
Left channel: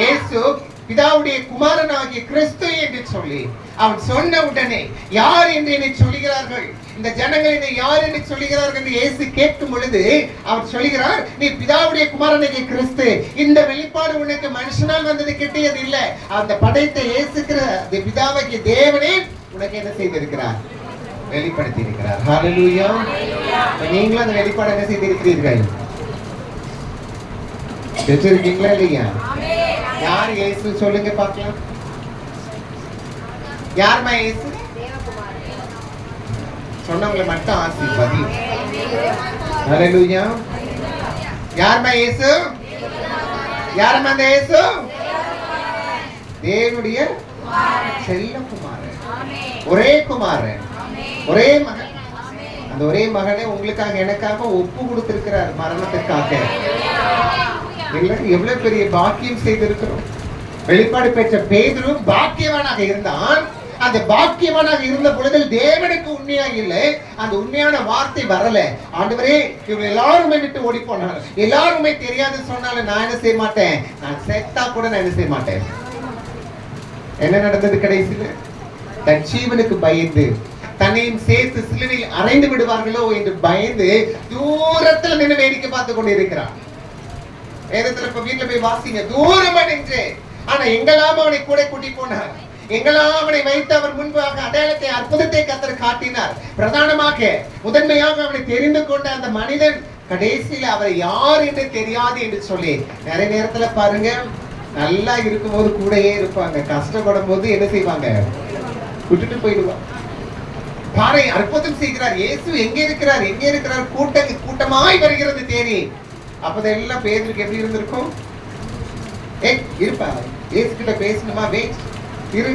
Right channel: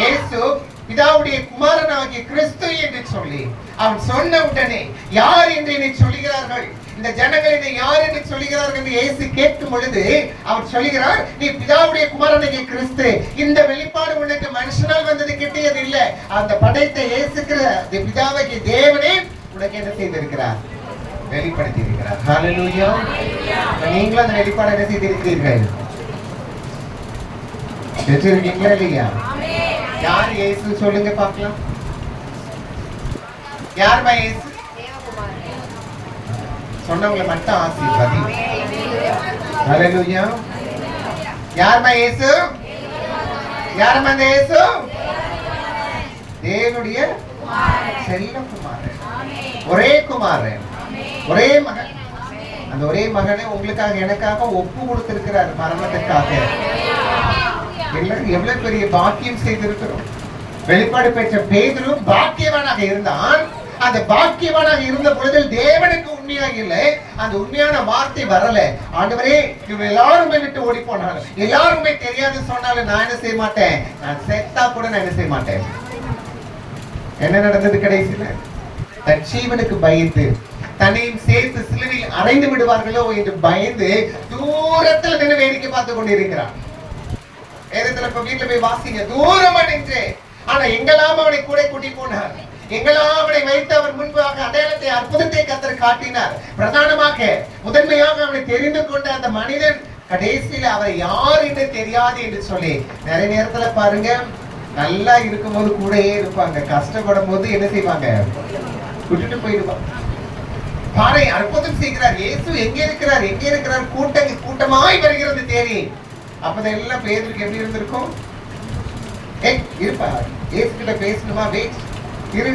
இயேசு பிதாவுடைய குமாரனாகிய கிறிஸ்து என்று சொல்லி அவன் சொன்ன உடனே யார் என்று என்னை சொல்லுகிறார்கள், இந்த ஜனங்கள் என்னை யார் என்று சொல்லுகிறார்கள் என்று இயேசு கேட்கும் பொழுது அவர் சொல்லுகிறார், நீ பிதாவுடைய குமாரனாகிய கிறிஸ்து. இந்த வெளிப்பாடு உனக்கு மனுஷனால் வந்தது கிட்டியது இல்ல, அந்த படைத்த இயேசுக்கிற பிதாவாகிய தேவனே உனக்கு என்ன செய்திருக்கிறார், வெளிப்படுத்தி இருக்கிறார். ஹல்லேலூயா. நீங்களும் அந்த வெளிப்பாடு என்ன செய்திருக்கிறீர்கள், பெற்றிருக்கீங்களா இல்லையா? யார் இயேசு சொல்லுங்க பார்க்கலாம். யார்மா இயேசு? சொன்னவங்களை மட்டும் ஆசீர்வதி. ஹல்லேலூயா. யார்மா இயேசு? யார்மா அந்த இயேசு? தேவனுடைய செல்ல குமாரன், ஒரே குமாரன், ஒரே மகன். அந்த ஒரே மகனை உங்களுக்காக எனக்காக ஒப்பு கொடுத்திருக்கிறார் மரணத்துக்காக. எவ்வளவு பெரிய பாக்கியம் செய்திருக்கிறோம். வெளிப்பாடு பெற்ற பேதுரு பாக்கியவானாக இருந்தான். அந்த பாக்கியவானாக இருந்த பொழுது தேவனுக்கு உண்மையாக இல்லை, அந்த உண்மையான வார்த்தை வரல. ஆண்டவரே, இவங்க எல்லாருமே விட்டு ஓடி போனாங்க, எல்லாருமே தெரியாது சொன்னாலும் நான் என்ன செய்ய மாட்டேன், நான் செத்தா கூட நான் என்ன செய்ய மாட்டேன். என்ன நடந்தது கடைசியில? தன் ஜீவனுக்கு பயந்து தன்னையும் சேர்த்து சிலுவையில் அறைந்து விடுவார்களோ என்று பயந்து தூரத்தில் நின்று வேடிக்கை பார்த்து கொண்டிருக்கிறான். வேதத்துல இப்ப வீட்டுல போய் வாசிங்க, தூரமா நின்று. ஆனா எங்கெல்லாம் அவனை கூட கூட்டி போனார், எங்கெல்லாம் அவனை வைத்து அவர் முன்பாக அடையாளத்தை அற்புதத்தை கர்த்தர் காட்டினார். பிரதானமாக முதன்மையாக அவனை தெரிந்து கொண்ட அந்த மனிதன் கடைசியில அவர் யார் என்று தெரியாது என்று சொல்லி நிறைய நேரத்துல பாருங்க, நல்லா இருக்கும்போது கூடயே இருப்பாங்க, கஷ்டப்படும் போது என்ன செய்வாங்க, விட்டுட்டு போயிடுவாங்க. பாறை அற்புதம் செய்கிறார் இயேசு, எங்க இருக்கிறார் எங்க இருக்கிறார், கூட்டமாய் வருகிறது தேடி. அப்பதெல்லாம் பேதுருக்கு எப்படி இருந்திருக்கும்? இருப்பா, இயேசு கிட்ட பேசணுமா, வெயிட் இரு,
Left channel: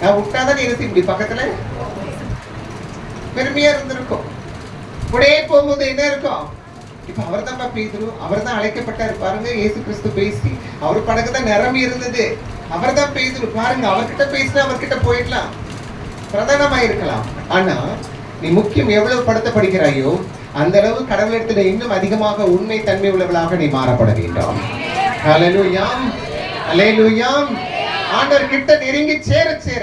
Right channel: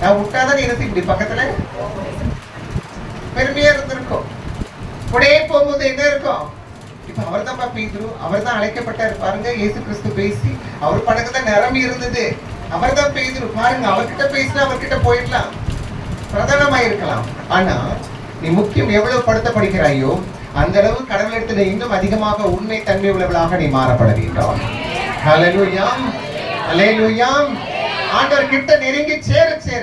நான் விட்டாதான் என்ன செய்ய முடியும், பக்கத்துல பெருமையா இருந்திருக்கும். கூடயே போகும்போது என்ன இருக்கும், இப்ப அவர் தான் பேதுரு, அவர் தான் அழைக்கப்பட்டார் பாருங்க. இயேசு கிறிஸ்து பேசி அவர் படகுதான் நிரம்பி இருந்தது, அவர் தான் பேதுரு பாருங்க. அவர்கிட்ட பேசினா அவர்கிட்ட போயிடலாம், பிரதானமா இருக்கலாம். ஆனா நீ முக்கியம் எவ்வளவு படுத்தப்படுகிறாயோ அந்த அளவு கடவுளிடத்தில் இன்னும் அதிகமாக உண்மை தன்மை உள்ளவளாக நீ மாறப்பட வேண்டும். ஹalleluya ஹalleluya. ஆண்டவர் கிட்ட நெருங்கி சேர சேர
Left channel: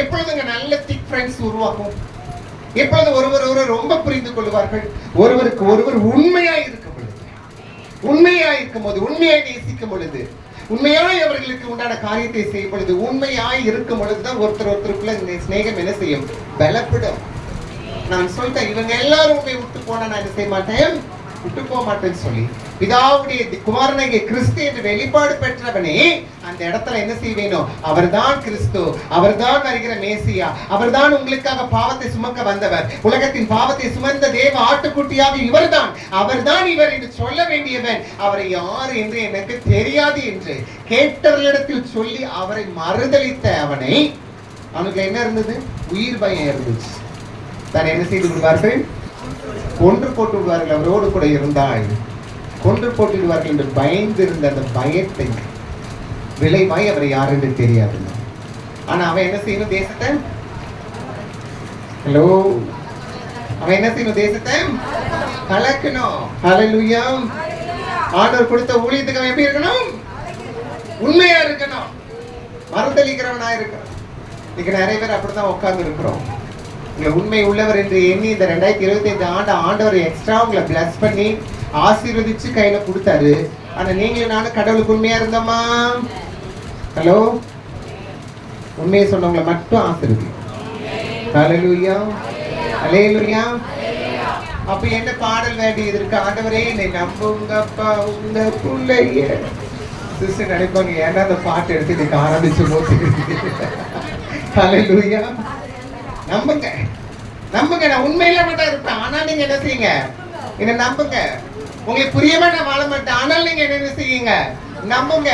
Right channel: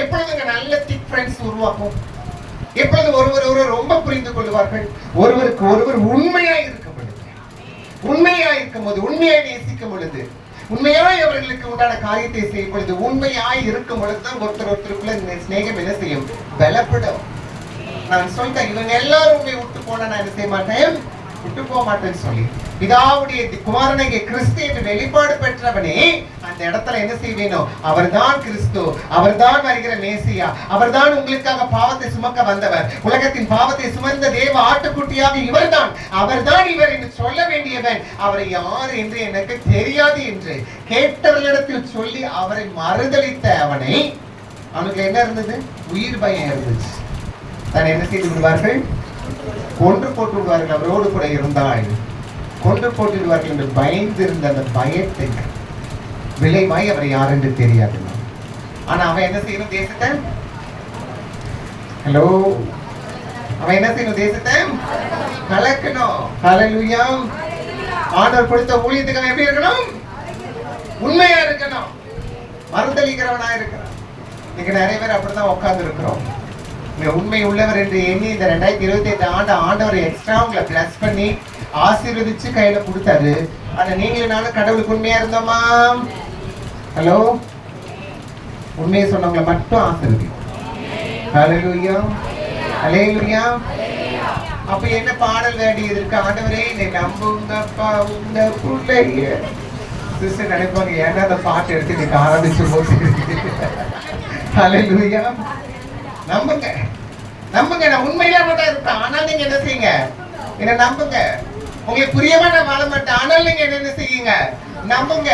எப்பொழுதுங்க நல்ல திக் ஃப்ரெண்ட்ஸ் உருவாகும். எப்பொழுது ஒருவர் ரொம்ப புரிந்து கொள்வார்கள். ஒருவருக்கு ஒருவர் உண்மையாய் இருக்கும் போது, உண்மையாய் நேசிக்கும் பொழுது, உண்மையாய் அவர்களுக்கு உண்டான காரியத்தை செய்யும் பொழுது, உண்மையாய் இருக்கும் பொழுதுதான் ஒருத்தருக்குள்ள ஸ்நேகம் என்ன செய்யும்? பலப்படும். நான் சொல்லிட்டேன், இவங்க எல்லாரும் உண்மை விட்டு போனா நான் என்ன செய்ய மாட்டேன், விட்டு போக மாட்டேன்னு சொல்லி பிதாவுடைய குமாரனாகிய கிறிஸ்து என்று வெளிப்பாடு பெற்றவனே அந்த இடத்துல என்ன செய்வேனோ, அவர்தான் கிறிஸ்து, அவர்தான் வருகிற மேசியா, அவர்தான் உங்களுக்காக பாவத்தை சுமக்க வந்தவர், உலகத்தின் பாவத்தை சுமந்த தேவ ஆட்டுக்குட்டியாக இவர்தான், அவர்தான் இவர் என்று சொல்ல வேண்டியவன். அவரை யார் என்று எனக்கு தெரியாது என்று கேட்டவர்களிடத்தில் சொல்லி அவரை மறுதலித்த அவனுக்கு என்ன இருந்தது? உயிர் பயம் இருந்துச்சு. தான் என்ன செய்து விடுவார்கள்? கொன்று போட்டு விடுவார்கள். அவரோடு கூட இருந்தால் கொன்று போட்டு விடுவார்கள் என்று பயந்திருந்த அந்த பயத்தை விளைவாய் அவரை யார் என்று தெரியாது. ஆனா அவன் என்ன செய்யணும்? தேசத்தை அவன் என்ன செய்யணும்? தேசத்தை கலக்கணும். ஹல்லேலூயா. ஆண்டவர் கொடுத்த ஊழியத்துக்கு அவன் எப்படி இருக்கணும்? உண்மையா இருக்கணும், மறுதலிக்கிறவனா இருக்கணும். இன்னைக்கு நிறைய பேர் அப்படிதான் உட்கார்ந்து இருக்கிறோம். உண்மை உள்ளவர் என்று எண்ணி இந்த 2025 ஆண்டவர் எக்ஸ்ட்ரா உங்களை பிளஸ் பண்ணி ஆசீர்வதிச்சு கையில கொடுத்தாரு. ஆனா நீங்களும் நானும் கடவுளுக்கு உண்மையா இருந்தோமா? ஹலோ, உண்மையை சொன்னவங்களை மட்டும் ஆசீர்வதி. ஹல்லேலூயா ஹல்லேலூயா. அப்ப என்ன பாடல் வேண்டியது இருக்கு? ஆண்டவரே என்னை நம்புங்கப்பா உங்க பிள்ளைய. சிஸ்டர் நினைப்பாங்க, ஏன்னா அந்த பாட்டு எடுத்து இன்னைக்கு ஆரம்பிச்சு போட்டு. ஹல்லேலூயா. நம்புங்க நம்புங்க, நான் உண்மையில மட்டும் இருப்பேன். ஆனால் நீங்க என்ன செய்யுங்க? என்ன நம்புங்க. உங்களுக்கு புரியமா நான் வாழ மாட்டேன், ஆனால் நீங்க என்ன செய்யுங்க? நம்புங்க.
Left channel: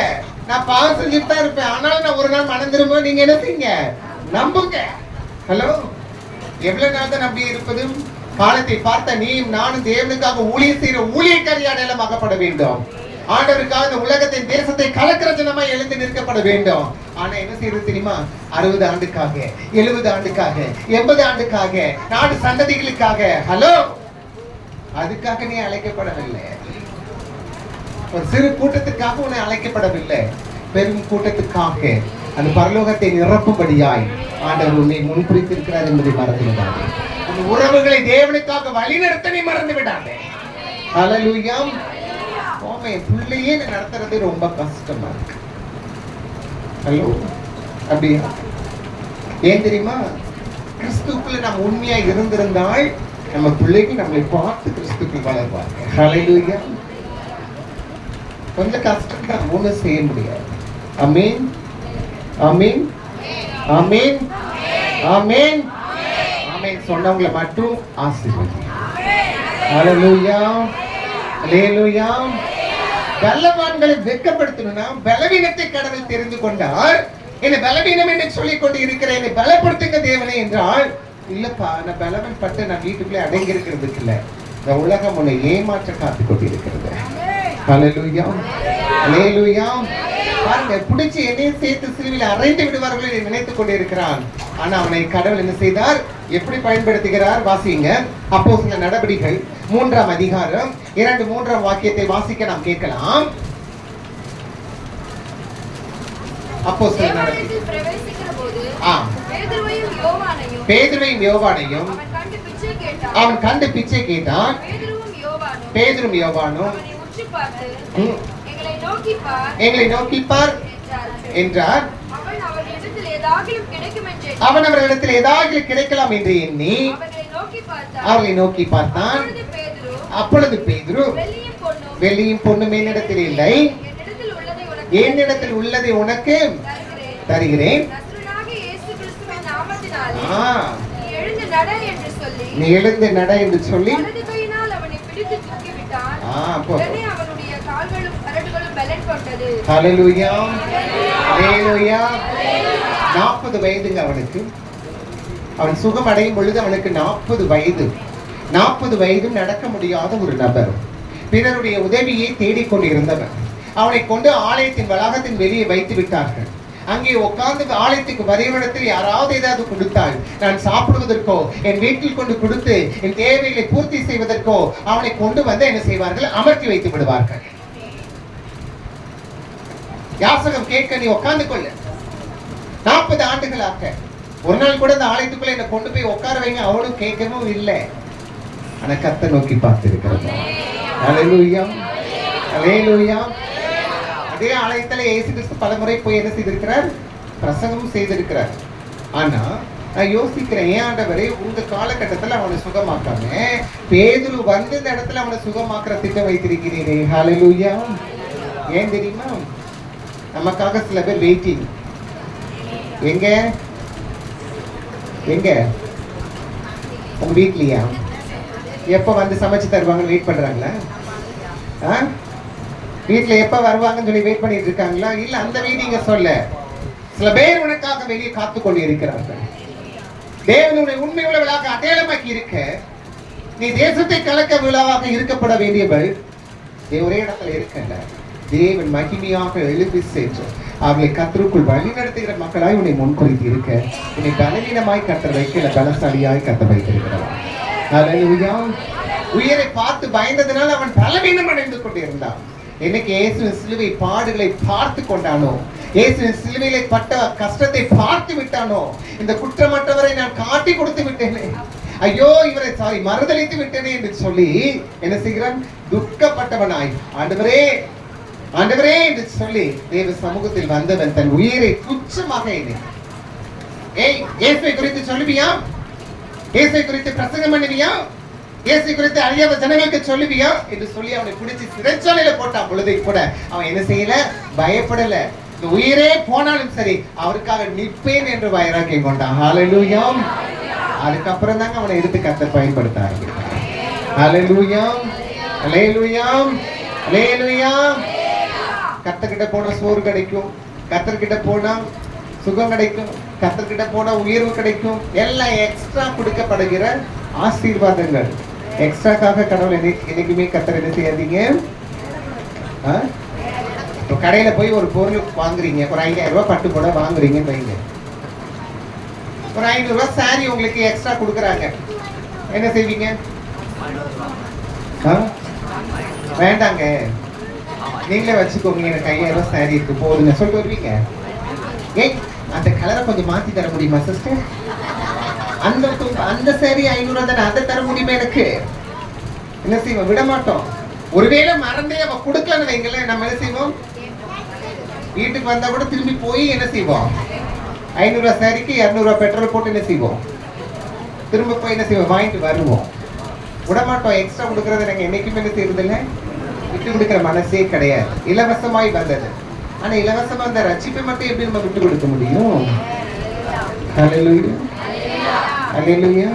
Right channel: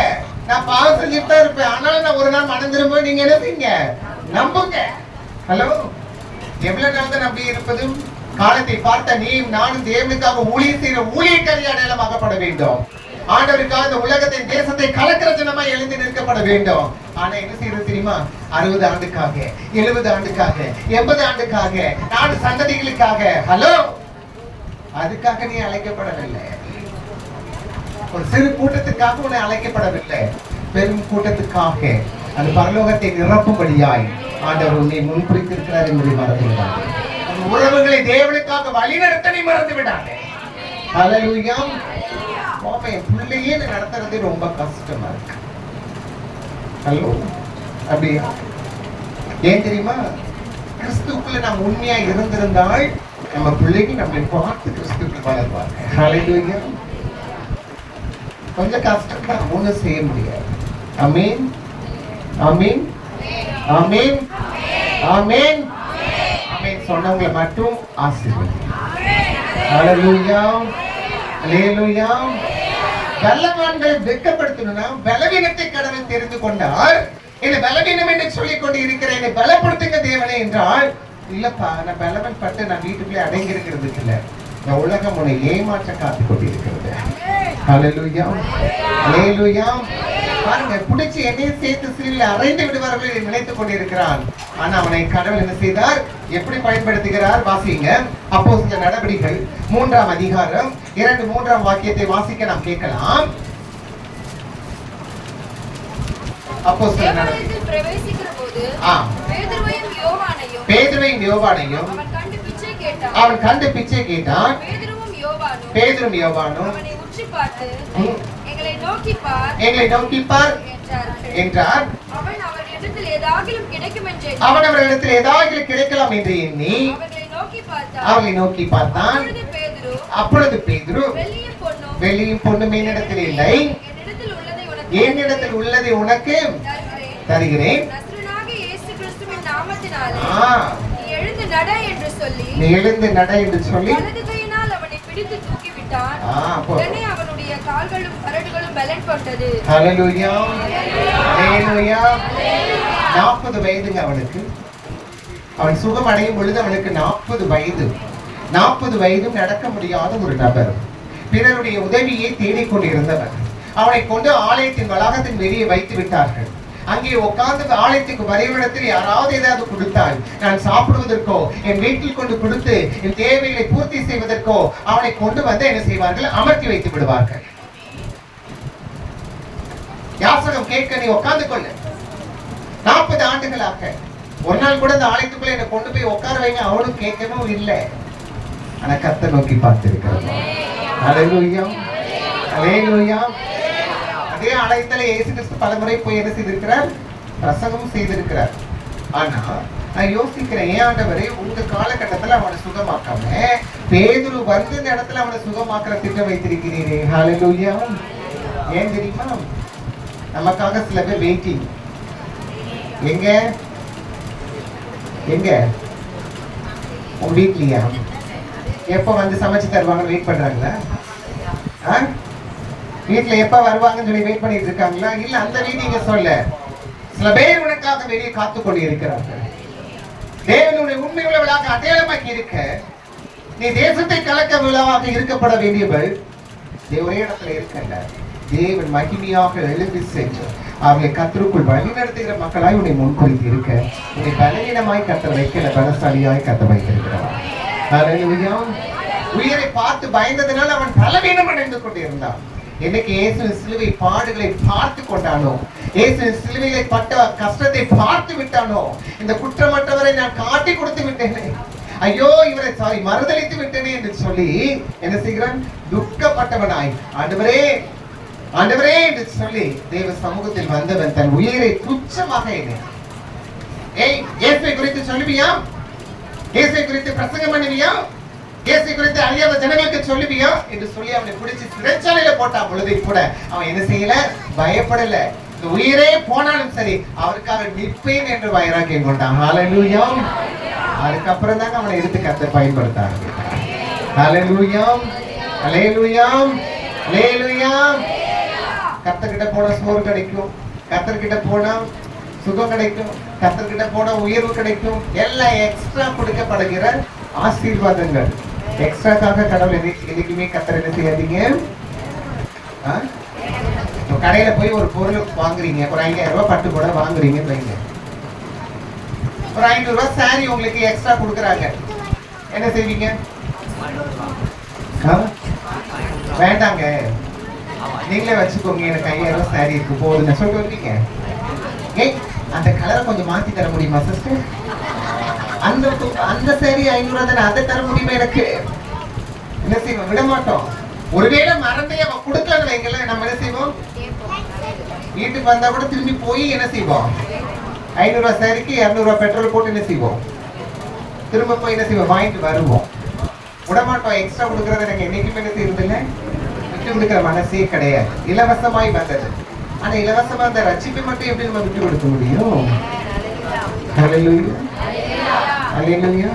நான் பாவம் செஞ்சுட்டு தான் இருப்பேன், ஆனாலும் நான் ஒரு நாள் மனம் திரும்ப. நீங்க என்ன செய்யுங்க? நம்புங்க. ஹலோ, எவ்வளவு நாள் தான் நம்பி இருப்பது? காலத்தை பார்த்த நீ நானும் தேவனுக்காக ஊழியர் செய்கிற ஊழியக்காரி அடையாளமாகப்பட வேண்டும். ஆண்டவருக்காக இந்த உலகத்தின் தேசத்தை கலக்கிற ஜனமா எழுந்து நிற்கப்பட வேண்டும். ஆனா என்ன செய்யறது தெரியுமா? 60 ஆண்டுக்காக, 70 ஆண்டுக்காக, 80 ஆண்டுக்காக, 4 சந்ததிகளுக்காக. ஹலோ, அதுக்காக நீ அழைக்கப்படவில்லை. ஒரு சிறு கூட்டத்துக்காக உன்னை அழைக்கப்படவில்லை, பெரும் கூட்டத்துக்காக அந்த பரலோகத்தை நிரப்பும்படியாய் ஆண்டவர் உன்னை முன்குறித்திருக்கிறார் என்பதை மறந்துவிடாதே. அந்த உறவுகளை தேவனுக்காக வழிநடத்த நீ மறந்து விடாதே. ஹல்லேலூயா. பிள்ளையே நடத்துறது ரொம்ப கஷ்டமா இருக்கு. ஹலோ, அப்படியா? ஏன் தெரியுமா? கிறிஸ்துக்குள்ள நாம் உண்மையா இருந்திருந்தால் நம்ம பிள்ளைகள் நம்மளை பார்த்து கிறிஸ்துக்குள் வளர்வாங்க. ஹல்லேலூயா. கொஞ்சம் கஷ்டம் தான், ஒண்ணும் செய்ய முடியாது. ஆமென் ஆமென் ஆமென் ஆமென் ஆமென். சொன்னவங்களை மட்டும் ஆசீர்வதி. ஹல்லேலூயா ஹல்லேலூயா. பலவான்களை வெட்கப்படுத்தணும்னா பலவீனத்தை கடவுள் தெரிந்து கொண்டார். என்ன பலவீனம் என்று சொல்லிக் கொண்டு இருக்கிறேன், என்னை பலப்படுத்துங்க தேவனே என்றால், இல்லப்பா நான் பலவன் பட்டு நான் வீட்டுக்குள்ளே அடங்கி இருக்கிறது இல்ல, இந்த உலகம் உன்னை ஏமாற்ற காத்துக் கொண்டிருக்கிறது. ஹல்லேலூயா ஹல்லேலூயா. பாருங்க, பிடிச்சி என்னையும் சேர்த்து சீரில் அறைந்து விடுவார்கள் என்று நினைத்துக் கொண்டிருக்கிறான். ஆனா அவனை கடவுள் என்ன செய்தார்? எப்படி பயன்படுத்துகிறார்? வாசிங்க. அப்போஸ்தலர் நடபடிகள் 3ஆம் அதிகாரம் 2-3ஆம் வாக்கியத்தை வாசிக்க நாம் கேட்கலாம். அப்போஸ்தலர் நடபடிகள் பிரவேசிக்கிறபோது பேதுருவையும் யோவானையும் அவன் கண்டு பிச்சை கேட்டான். பேதுரும் யோவானும் எங்களை நோக்கி பார் என்றார். அவன் அவர்களிடத்தில் ஏதாவது கிடைக்கலாம் என்று எண்ணி அவர்களை நோக்கி பார்த்தான். அப்பொழுது பேதுரு, வெள்ளியும் பொன்னும் என்னிடத்தில் இல்லை, என்னிடத்தில் உள்ளதை உனக்கு தருகிறேன். நீ எழுந்து நட என்று சொல்லி ஹல்லேலூயா ஹல்லேலூயா. 40 வயதுங்க அவனுக்கு. அவன் சுகம் அடையும் பொழுது அவனுக்கு 40 வயது. 40 வயதும் நடக்க முடியாத ஒரு நபர், பிறருடைய உதவியை தேடிக்கொண்டிருந்தவர். அவனை கொண்டு ஆலயத்தின் வளாகத்தின் வெளியே வைத்து விட்டார்கள். அங்கே உட்கார்ந்து ஆலயத்துக்கு வரைவிடத்தில் யாராவது ஏதாவது கொடுத்தால், நான் சாப்பிடுவதற்கோ என் வீட்டில் கொண்டு கொடுத்து என் தேவைகளை பூர்த்தி செய்வதற்கோ அவனை கொண்டு வந்து என்ன செய்வார்கள்? அமர்த்தி வைத்து விடுவார்கள். யாசகம் கேட்க நீ உட்கார்ந்து கொள்ளு. 40 ஆண்டுகளாக ஒரு நாள் கூட அந்த ஆலயத்துக்குள்ள என்ன கொண்டு போய் உட்கார வைங்க அவளும் கேட்கணும் இல்லை. ஆனா கர்த்தரை நோக்கி பார்த்திருக்கிறோம். ஹல்லேலூயா, ஹல்லேலூயா. அதே ஆலயத்துல இயேசு கிறிஸ்து பலமுறை போய் என்ன செய்திருக்கிறார்? பிரசங்கமும் செய்திருக்கிறார். ஆனா நான் யோசிக்கிறேன், ஏன் ஆண்டவரே உங்க காலகட்டத்துல அவனை சுகமாக்காம பேதுரு வந்து இந்த இடத்துல அவனை சுகமாக்குற திட்டம் வைத்திருக்கிறீரே. ஹல்லேலூயா. ஏன் தெரியுமா? நமக்காக சில பேர் வெயிட்டிங். எங்க எங்க உங்க வீட்லயா? எப்ப வந்து சமைச்சு தருவாங்கன்னு வெயிட் பண்றாங்களா? வீட்டுல எப்ப வருவாங்கன்னு சொல்லி வெயிட் பண்ணிட்டு இருக்காங்களா? இல்ல அந்த வீடிங்க சொல்ல சில பேர் உனக்காக வெளியே காத்து கொண்டு இருக்கிறார்கள். தேவனுடைய உண்மையுள்ளவளாக அடையாளமாக்கி இருக்க நீ தேசத்தை கலக்க விழாவாக இருக்கப்பட வேண்டியவள் ஒரே இடத்துல இருக்கல. தேவன் மகிமையாக எழுப்பி சென்று அவளை கர்த்தருக்குள் வழி நடத்துகிற மக்களாய் உன்னை முன்குறித்து இருக்க உன்னை பலவீனமாய் கத்த வைக்கல, பலசாலியாய் கத்த வைத்திருக்கிறார். ஹல்லேலூயா. உயிரை பார்த்து பயந்ததினால் அவன் பலவீனம் அடைந்து கொண்டிருந்தான். என்னைக்கு இயேசுவின் சிலுவை பாடுகளை பார்த்து கொண்டானோ, இயேசுவின் சிலுவையிலே பட்ட கஷ்டத்தை பார்த்து விட்டானோ, இந்த குற்றமற்றவரை நான் காட்டி கொடுத்து விட்டேனே, ஐயோ இவரை மறுதளித்து விட்டேனே என்று சொல்லி என்ன செய்கிறான்? துக்கப்பட்டவனாய் ஆண்டவரே ஆண்டவரே என்று சொல்லி தேவ சமூகத்தில் வந்தவன் தன் உயிரை துச்சமாக இயேசுவை குறித்து சொல்லுவியா? இயேசுவை குறித்து பிரசங்கம் பண்ணுவியா? இயேசு குறித்து அழியாத ஜனங்களுக்கு சொல்லுவியா என்று சொல்லி அவனை பிடிச்சி சிறைச்சாலையில போட்டான் பொழுது கூட அவன் என்ன செய்யல? பயப்படல. இந்த உயிரே போனாலும் சரி அவருக்காக நிற்பேன் என்று வைராக்கியம் கொண்டான். ஹல்லேலூயா. அதுக்கப்புறம் தாங்க அவனை எடுத்து கர்த்தர் பயன்படுத்தாங்க. ஹல்லேலூயா, ஹல்லேலூயா, ஹல்லேலூயா. கர்த்தர்கிட்ட போனா சோறு கிடைக்கும், கர்த்தர்கிட்ட போனா சுகம் கிடைக்கும், கர்த்தர்கிட்ட போனா உயர்வு கிடைக்கும். எல்லாம் எக்ஸ்ட்ரா கொடுக்கப்படுகிற ஆசீர்வாதங்கள். எக்ஸ்ட்ராக்காக கடவுள் என்னைக்குமே கர்த்தர் என்ன செய்யாதீங்க. கடையில போய் ஒரு பொருள் வாங்குறீங்க, ஒரு 5000 ரூபாய் பட்டு கூட வாங்குறீங்க வைங்க, ஒரு 500 ரூபாய் சாரி உங்களுக்கு எக்ஸ்ட்ரா கொடுக்குறாங்க, என்ன செய்வீங்க? வேண்டாங்க நீங்களே வச்சுக்கோங்க, எனக்கு 5000 ரூபாய் சாரி இருக்கு போதுங்க சொல்லிட்டு வருவீங்க. ஏய் அந்த கலரை கொஞ்சம் மாத்தி தர முடியுமா சிஸ்டர்? அந்த சாரி 500 ரூபாய் தானே, அதை தர முடியுமா எனக்கு? என்ன செய்வோம்? விட மாட்டோம். ஒருவேளை மறந்தே அவ கொடுக்கலன்னு வைங்கள, நம்ம என்ன செய்வோம்? வீட்டுக்கு வந்தா கூட திரும்பி போய் என்ன செய்வோம்? 500 ரூபாய் சாரிக்கு 200 ரூபாய் பெட்ரோல் போட்டு என்ன செய்வோம்? திரும்ப போய் என்ன செய்வோம்? வாங்கிட்டு வருவோம். விட மாட்டோம். எக்ஸ்ட்ரா கொடுக்கறது நாங்க என்னைக்குமே என்ன செய்யறதுங்க? விட்டு கொடுக்கிற மனசே கிடையாது. இலவசமாய் வந்தது. ஆனா இலவசமா அந்த ரட்சிப்பை மட்டும் எப்படி நம்ம விட்டு கொடுக்க முடியும்? ஹல்லேலூயா, ஹல்லேலூயா.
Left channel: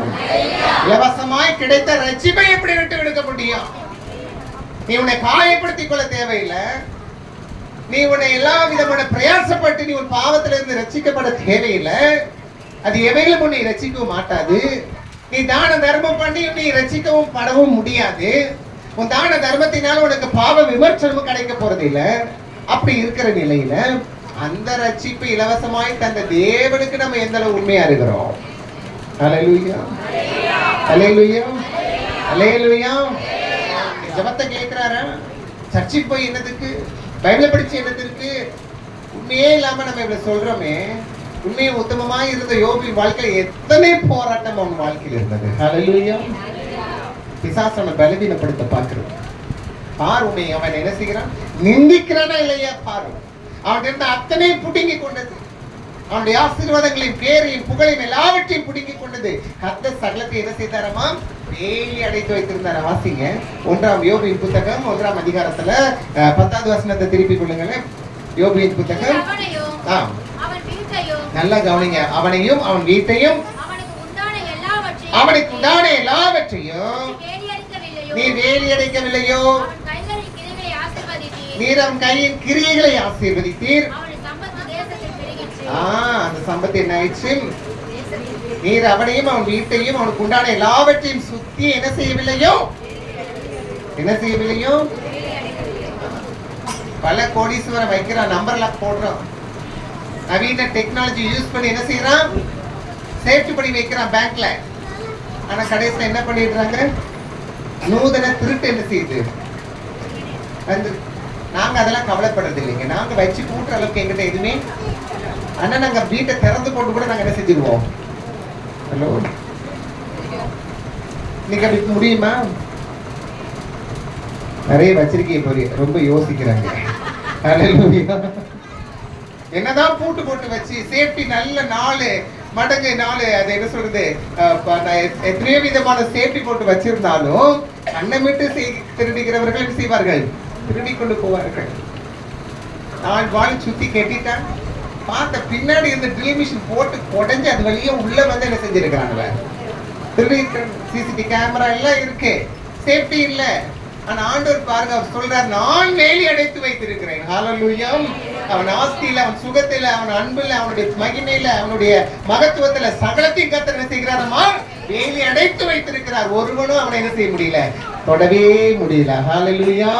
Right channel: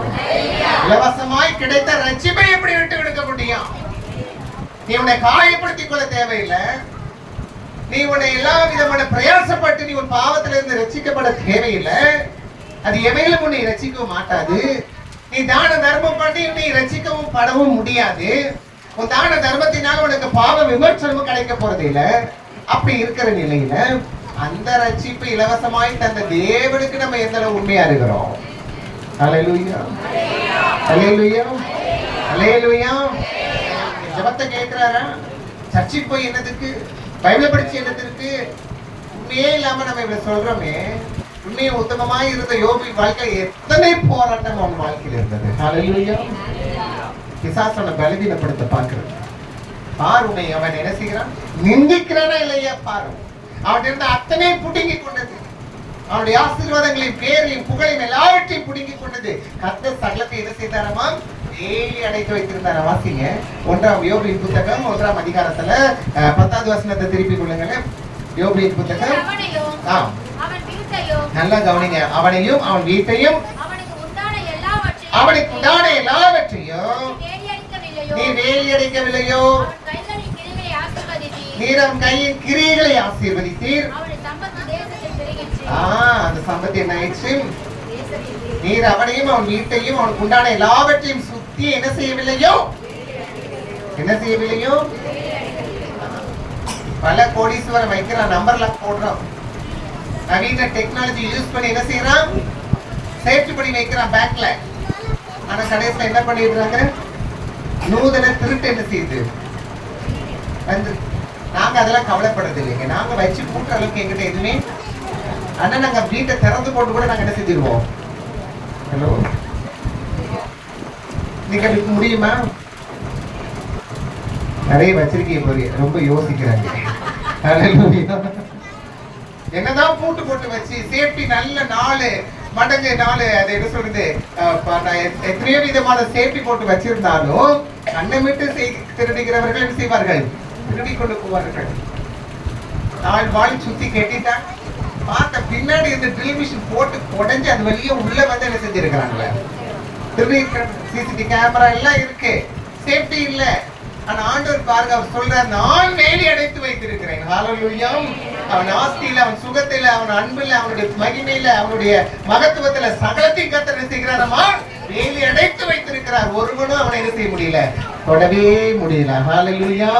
இலவசமாய் கிடைத்த ரட்சிப்பை எப்படி விட்டு கொடுக்க முடியும்? நீ உன்னை காயப்படுத்திக் கொள்ள தேவையில்லை. நீ உன்னை எல்லா விதமான பிரயாசப்பட்டு நீ ஒரு பாவத்துல இருந்து ரட்சிக்கப்பட தேவையில்லை. அது எவையிலும் உன்னை ரட்சிக்கவும் மாட்டாது. நீ தான தர்மம் பண்ணி நீ ரட்சிக்கவும் படவும் முடியாது. உன் தான தர்மத்தினால் உனக்கு பாவ விமர்சனமும் கிடைக்க போறது இல்லை. அப்படி இருக்கிற நிலையில அந்த ரட்சிப்பு இலவசமாய் தந்த தேவனுக்கு நம்ம எந்த அளவு உண்மையா இருக்கிறோம்? ஹல்லேலூயா, ஹல்லேலூயா, ஹல்லேலூயா. ஜபத்தை கேட்கிறாரா? சர்ச்சுக்கு போய் என்னதுக்கு? பைபிள் படிச்சு என்னதுக்கு? உண்மையே இல்லாம நம்ம இப்படி சொல்றோமே. உண்மையை உத்தமமாய் இருந்த யோபின் வாழ்க்கையில எத்தனை போராட்டம் அவன் வாழ்க்கையில் இருந்தது. ஹல்லேலூயா. பிசாசனை பலவீனப்படுத்த பார்க்கிறது. பாரு உன்னை அவன் என்ன செய்கிறான்? நிந்திக்கிறானா இல்லையா பாரு. அவன் இருந்த அத்தனை புடுங்கி கொண்டது. அவனுடைய ஆசீர்வாதங்களையும் பேரையும் புகழையும் எல்லாவற்றையும் புடுங்கி கொண்டது. கர்த்தர் சகலத்தை என்ன செய்தாரமா? வேலி அடைத்து வைத்திருந்தார். வாசிங்க 1ஆம் யோபின் புத்தகம் 1ஆம் அதிகாரத்துல 10வது வசனத்தை திருப்பிக் கொள்ளுங்களேன். யோபின் புத்தகம் நல்லா கவனிங்க. அவனையும் அவன் வீட்டையும் அவனுக்கு உண்டான எல்லாவற்றையும் நீ வேலி அடைக்கவில்லையோ? நீர் அவன் கையின் கிரியைகளை ஆசீர்வதித்தீர். அந்த சம்பத்து என்ன ஆயிடுச்சு? நீர் அவனையும் அவன் வீட்டையும் அவனுக்கு உண்டான எல்லாவற்றையும் சுத்தி என்ன செய்யவில்லையோ? என்ன செய்யவில்லையோ? பல கோடீஸ்வரன் வைக்கிறான், நம்பர் லாக் போடுறான், நவீன டெக்னாலஜி யூஸ் பண்ணி என்ன செய்யறான்? சேஃப்டி பண்ணி வைக்கிறான் பேங்க்ல. ஆனா கடைசியில் என்ன பண்ணிடுறாங்க? நூதன திருட்டு என்ன செய்யுது? அந்த நாங்க அதெல்லாம் கவலைப்படுறது இல்லைங்க. நாங்க வச்சு கூட்டுற அளவுக்கு எங்கிட்ட எதுவுமே. ஆனா நாங்க வீட்டை திறந்து போட்டு கூட நாங்க என்ன செஞ்சிருவோம். ஹலோ, நீங்க அதுக்கு முடியுமா? நிறைய வச்சிருக்கீங்க போய் ரொம்ப யோசிக்கிறாங்க. என்னதான் பூட்டு போட்டு வச்சு சேஃப்டி நல்ல 4 மடங்கு 4 அது என்ன சொல்றது, எத்தனையோ விதமான சேஃப்டி போட்டு வச்சிருந்தாலும் அன்னமிட்டு திருடுகிறவர்கள் என்ன செய்வார்கள், திருடி கொண்டு போவார்கள். 4 வால் சுத்தி கெட்டிட்டான் பார்த்த பின்னாடி இந்த ட்ரில் மிஷின் போட்டு உடைஞ்சு அது வெளியே உள்ள வந்து என்ன செஞ்சிருக்கிறாங்க, திருடி. சிசிடிவி கேமரா எல்லாம் இருக்கு, சேஃப்டி இல்ல. ஆனா ஆண்டவர் பாருங்க, அவர் சொல்றார், நான் வேலி அடைத்து வைத்திருக்கிறேன். ஹல்லேலூயா. அவன் ஆஸ்தியில, அவன் சுகத்தில, அவன் அன்பில், அவனுடைய மகிமையில, அவனுடைய மகத்துவத்துல சகலத்தையும் கர்த்தர் என்ன செய்கிறாரமா, வேலி அடைத்து வைத்திருக்கிறார். ஒருவனும் அவனை என்ன செய்ய முடியல, தொடவே முடியல. ஹல்லேலூயா.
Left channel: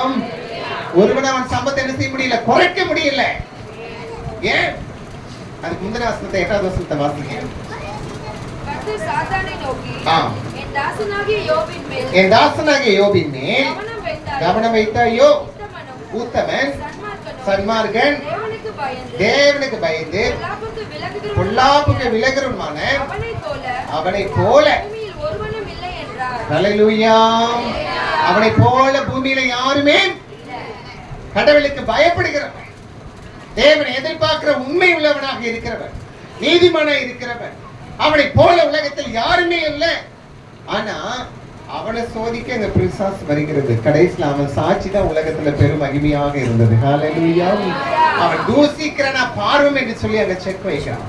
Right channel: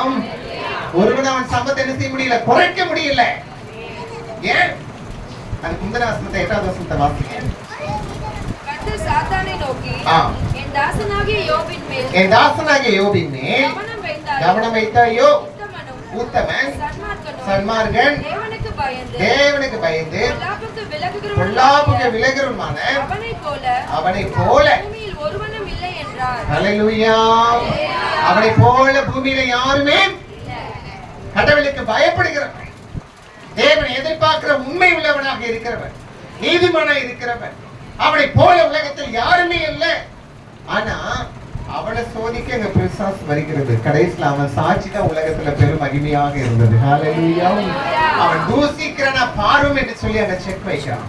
ஒருவனும் அவன் சம்பத்தை என்ன செய்ய முடியல, குறைக்க முடியல. ஏன்? அதுக்கு முந்தின வசனத்தை 8வது வசனத்தை வாசிங்க. கர்த்தர் சாத்தானை நோக்கி, என் தாசனாகிய யோபின் மேல் கவனம் வைத்தாயோ, உத்தமன் சன்மார்க்கன் தேவனுக்கு பயந்து பொல்லாப்புக்கு விலகுறவனான அவனை போல, ஹல்லேலூயா, அவனை போல பூமியில யாருமே கடவுளுக்கு பயப்படுகிறவன், தேவனை எதிர்பார்க்கிற உண்மை உள்ளவனாக இருக்கிறவன், நீதிமானாக இருக்கிறவன், அவனை போல உலகத்தில் யாருமே இல்லை. ஆனா அவனை சோதிக்க இந்த பிசாசு வருகிறது. கடைசியில் அவன் சாட்சி தான் உலகத்துல பெரும் மகிமையாக இருந்தது. ஹல்லேலூயா. அவன் தூசிக்கிறனா பாரும் என்று சொல்லி அந்த செக் வைக்கிறான்.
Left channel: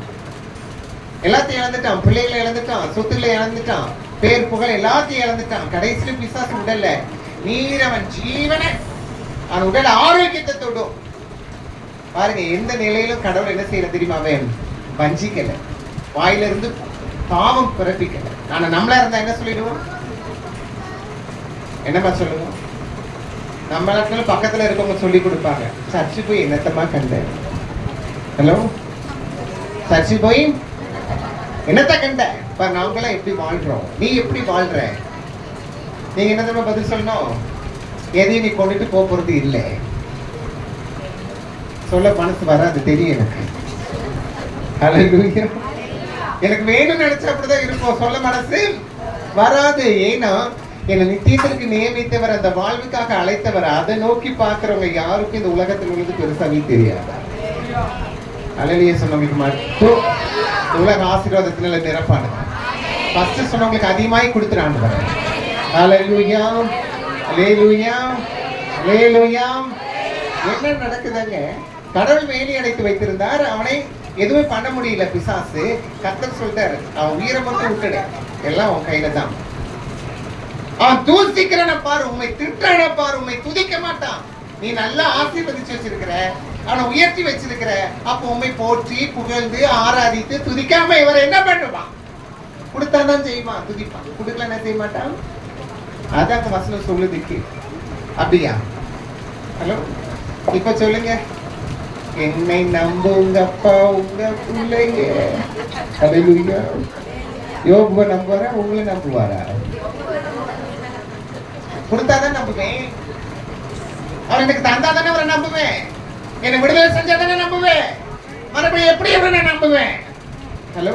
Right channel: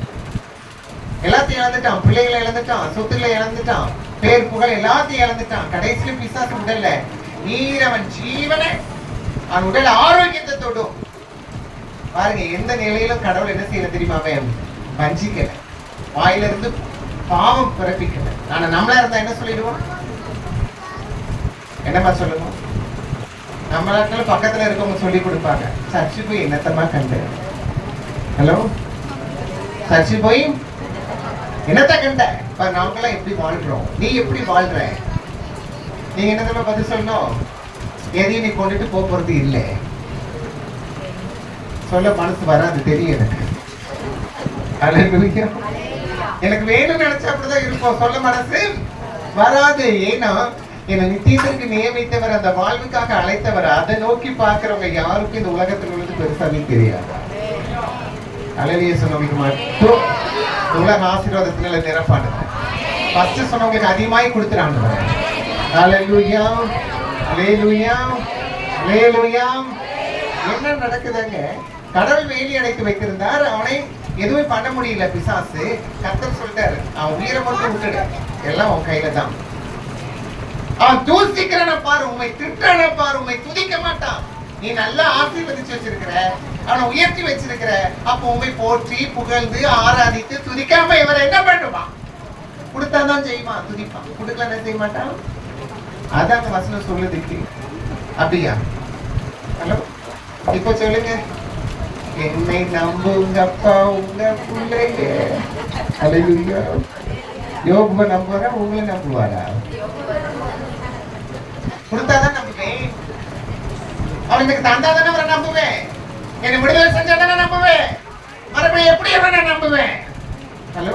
எல்லாத்தையும் இழந்துட்டான், பிள்ளைகளை இழந்துட்டான், சொத்துல இழந்துட்டான், பேர் புகழ் எல்லாத்தையும் இழந்துட்டான். கடைசியில் பிசாசு உடல்ல நீர் அவன் ஜீவனை, அவன் உடல் ஆரோக்கியத்தை தொடும். பாருங்க, எந்த நிலையிலும் கடவுள் என்ன செய்யல தெரியுமா, அவன் வஞ்சிக்கல, வாயிலிருந்து பாவம் பிறப்பிக்கல. ஆனா நம்மளா இருந்தா என்ன சொல்லிடுவோம், என்னமா சொல்லுவோம்? நம்ம நாட்டுல பக்கத்துல இருக்கவங்க சொல்லி கொடுப்பாங்க, சர்ச்சு போய் என்னத்தமா கண்ட. ஹலோ, சர்ச்சு போய் என்னத்த கண்ட? இப்ப நாங்களாம் எப்படி வாழ்றோம், நீ எப்படி வாழ்ற? நீங்க என்ன பதில் சொல்லணும், எதையும் நீ கொண்டுட்டு போறது இல்லை. சொல்ல மனசு வராது, தெரியும் எனக்கு. ஹல்லேலூயா. எனக்கு வேணும்னு நினைச்சா அப்படிதான் இருக்கும், சொல்ல மனசு வராது. ஏன்னா என்னை நித்தியத்திற்கு நியமித்தவர், அந்த வாழ்வுக்காக அழைத்தவர், அதை நோக்கி பார்க்கிறவங்க யாருக்கும் இந்த உலகத்தில் உள்ளது பெருசாவே தெரியாது. ஹல்லேலூயா சொன்னவங்களுக்கு மட்டும் உலக ஆசீர்வாதத்தினால நிரப்பானது. ஃபர்ஸ்ட் சொன்னவங்களுக்கு அதிகமாய் கொடுத்துறாங்க. ஹல்லேலூயா, ஹல்லேலூயா, ஹல்லேலூயா. என்ன நடக்குதுங்க? கடவுள் வேலி அடைத்து வைத்திருந்தார், அவனை எதுவுமே பண்ண முடியல பிசாசு. கர்த்தர் சொல்லிட்டாரு, அவன் உயிரை மட்டும் விட்டுடு, எல்லாம் உன் கையில தான். அவன் தூசிக்கிறன பாரு, உண்மை திட்டன பாரு, உண்மை துதிக்க மாட்டான். நீ நல்லா ஆசீர்வதிச்சு வச்சிருக்கிற, அவனை உயர்த்தி வச்சிருக்கிற, அப்ப உண்மை போற்றி புகழ்ந்து ஆராதித்து துதிக்காம இவர் என்ன பண்ணுவான்? கொடுத்தாதான் செய்வான், துதிப்பான். கொடுக்கல என்ன செய்ய மாட்டான். அதான் வசனம் சொல்லுதுக்கு. அப்படியா? ஹலோ, இப்ப சொல்லுங்க, என்னை நம்புங்கப்பா உங்க பிள்ளைங்க. ஹல்லேலூயா. யோபுவை நம்புவாரா, உங்களை நம்புவாரா? கொடுத்தாதான் நம்புவேன், அவன் எனக்கு தந்தாதானே அவரை நம்புவேன், என்னை விடுதலை செஞ்சாதானே நம்புவேன், மறுபடியும் எப்படி அவனை நம்புவேன்? ஹலோ,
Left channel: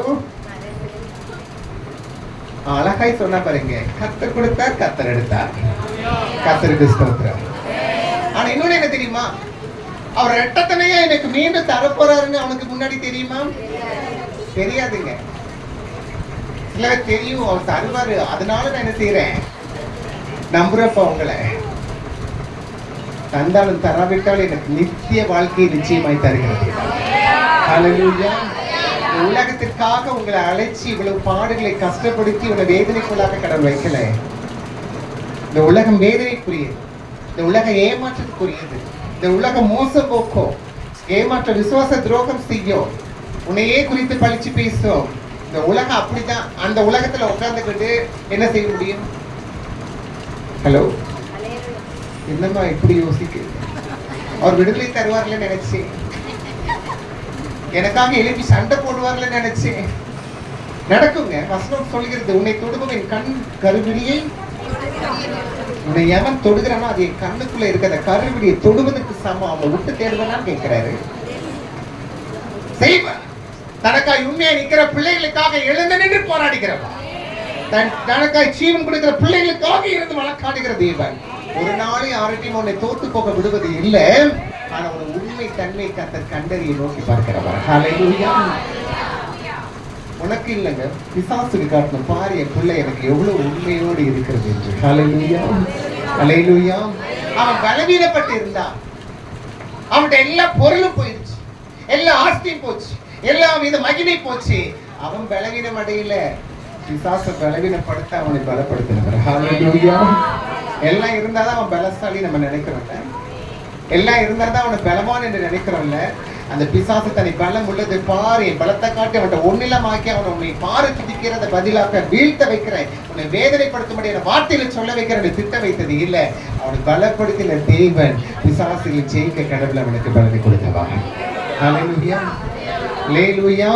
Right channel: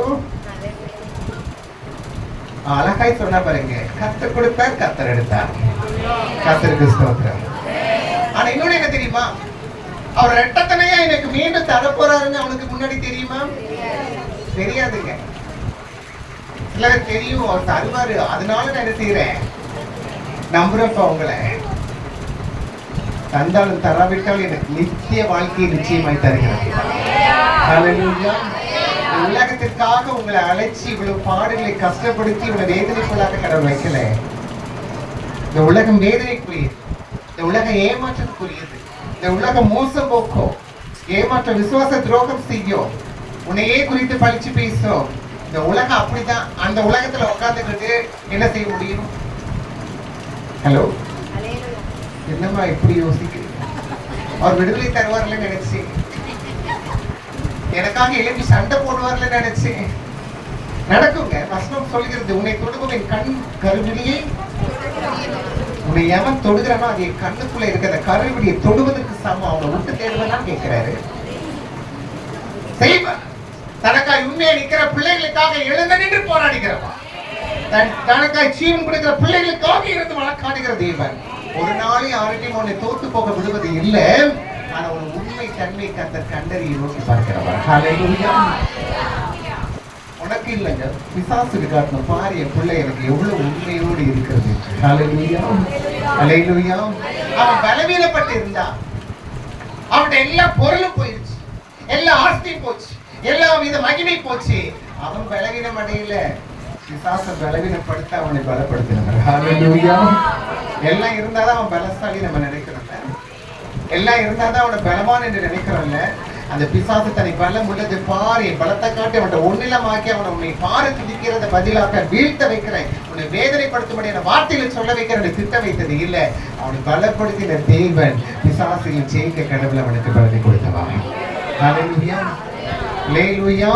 அழகாய் சொன்னா பாருங்க, கர்த்தர் கொடுத்தார், கர்த்தர் எடுத்தார். கர்த்தருக்கு ஸ்தோத்திரம். ஆனா இன்னொன்னு என்ன தெரியுமா, அவர் ரெட்டத்தனையா எனக்கு மீண்டும் தரப்போறாருன்னு அவனுக்கு முன்னாடி தெரியுமா? தெரியாதுங்க. சிலர் தெரியும், அவர் தருவாரு, அதனால நான் என்ன செய்யறேன், நம்புறப்ப உங்களை. தந்தாலும் தராவிட்டால் எனக்கு நித்திய வாழ்க்கையை நிச்சயமாய் தருகிறது. ஹல்லேலூயா. உலகத்திற்காக உங்களை அழைச்சி இவ்வளவு பாடுகளை கஷ்டப்படுத்தி உங்களை வேதனைக்குள்ளாக கடவுள் வைக்கல. இந்த உலகம் வேதனைக்குரியது, இந்த உலகம் ஏமாற்றத்துக்குரியது, இந்த உலகம் மோசம் போக்கும், ஏமாற்ற விசுவாச துரோகம் செய்யும், உன்னையே குறித்து பழிச்சு பேசும். இந்த உலகம் அப்படிதான். அந்த உலகத்துல உட்கார்ந்துக்கிட்டு என்ன செய்ய முடியும்? ஹலோ, என்னம்மா இப்படி யோசிக்கு? அவர் விடுதலை தருவார்ல நினைச்சேன், எனக்காக எழுப்பி சண்டை போடுவார்ல நினைச்சேன். நடக்குங்க. வசனம் சொல்கிறது, உன்னை தொடுக்கும் என் கண் கருவிலியை உன்னை எவன் தொடுகிறானோ அது என் கண்ணுக்குள்ள இருக்க அந்த கருவியை தொடுவதற்கு சமம். அவனை விட்டு தேடுவதான் கேட்கிறாரு. செய்வான். தனக்காய் உண்மையா நிக்கிற பிள்ளைகளுக்காக எழுந்து நின்று போராடுகிறவன், தனக்காய் ஜீவன் கொடுக்கிற பிள்ளைகளுக்காக இருந்து வழக்காடுகிற தேவன். ஒரு நாளை யார்கிட்டையும் உன்னை தோத்து போக விடுவது இல்லை. ஆனா உன் உண்மை தன்மை கர்த்தர் கண்டறியை நோக்கி பார்க்கிறவர். ஹல்லேலூயா. உனக்கு இல்லைங்க, பிசாசுக்கு காட்டணும். பாரு என் பிள்ளை எனக்கு எவ்வளவு உண்மையோடு இருக்கிறது என்று. ஹல்லேலூயா, ஹல்லேலூயா. அவன் பலவீனப்பட்டு இருந்தான். அவன்கிட்ட எல்லா பொருளும் போயிடுச்சு, எல்லா ஆஸ்தியும் போச்சு, எல்லா வித மகிமை போச்சு. அவன் பலவீனம் அடையல, பிசாசை பலவீனப்படுத்த அவனை பலப்படுத்தினார். ஹல்லேலூயா. எல்லாம் இருந்தாதான் அவன் பலசாலி நம்ம நினைக்கிறோம்ல, எல்லாம் இருந்தாதான் அவனை பலவான் என்று நினைக்கிறோம்ல. அந்த பிசாசு தன்னை பலம் உள்ளது பாரு, என் பலத்தை காட்டி அவனை ஒன்னிலமாக்கி அவனை உன்னை பாரு துடிக்கிறத பதிலாக வீழ்த்த வைக்கிறேன், உன்னை வேதனைப்படுத்தும்படி வார்த்தைகளை சொல்ல வைக்கிற திட்ட வைத்தது இல்லை. அவனை பலப்படுத்தின தேவன் பிசாசையும் ஜெயிக்க கடவுள் அவனுக்கு பலத்தை கொடுத்தவா. ஹல்லேலூயா, ஹல்லேலூயா.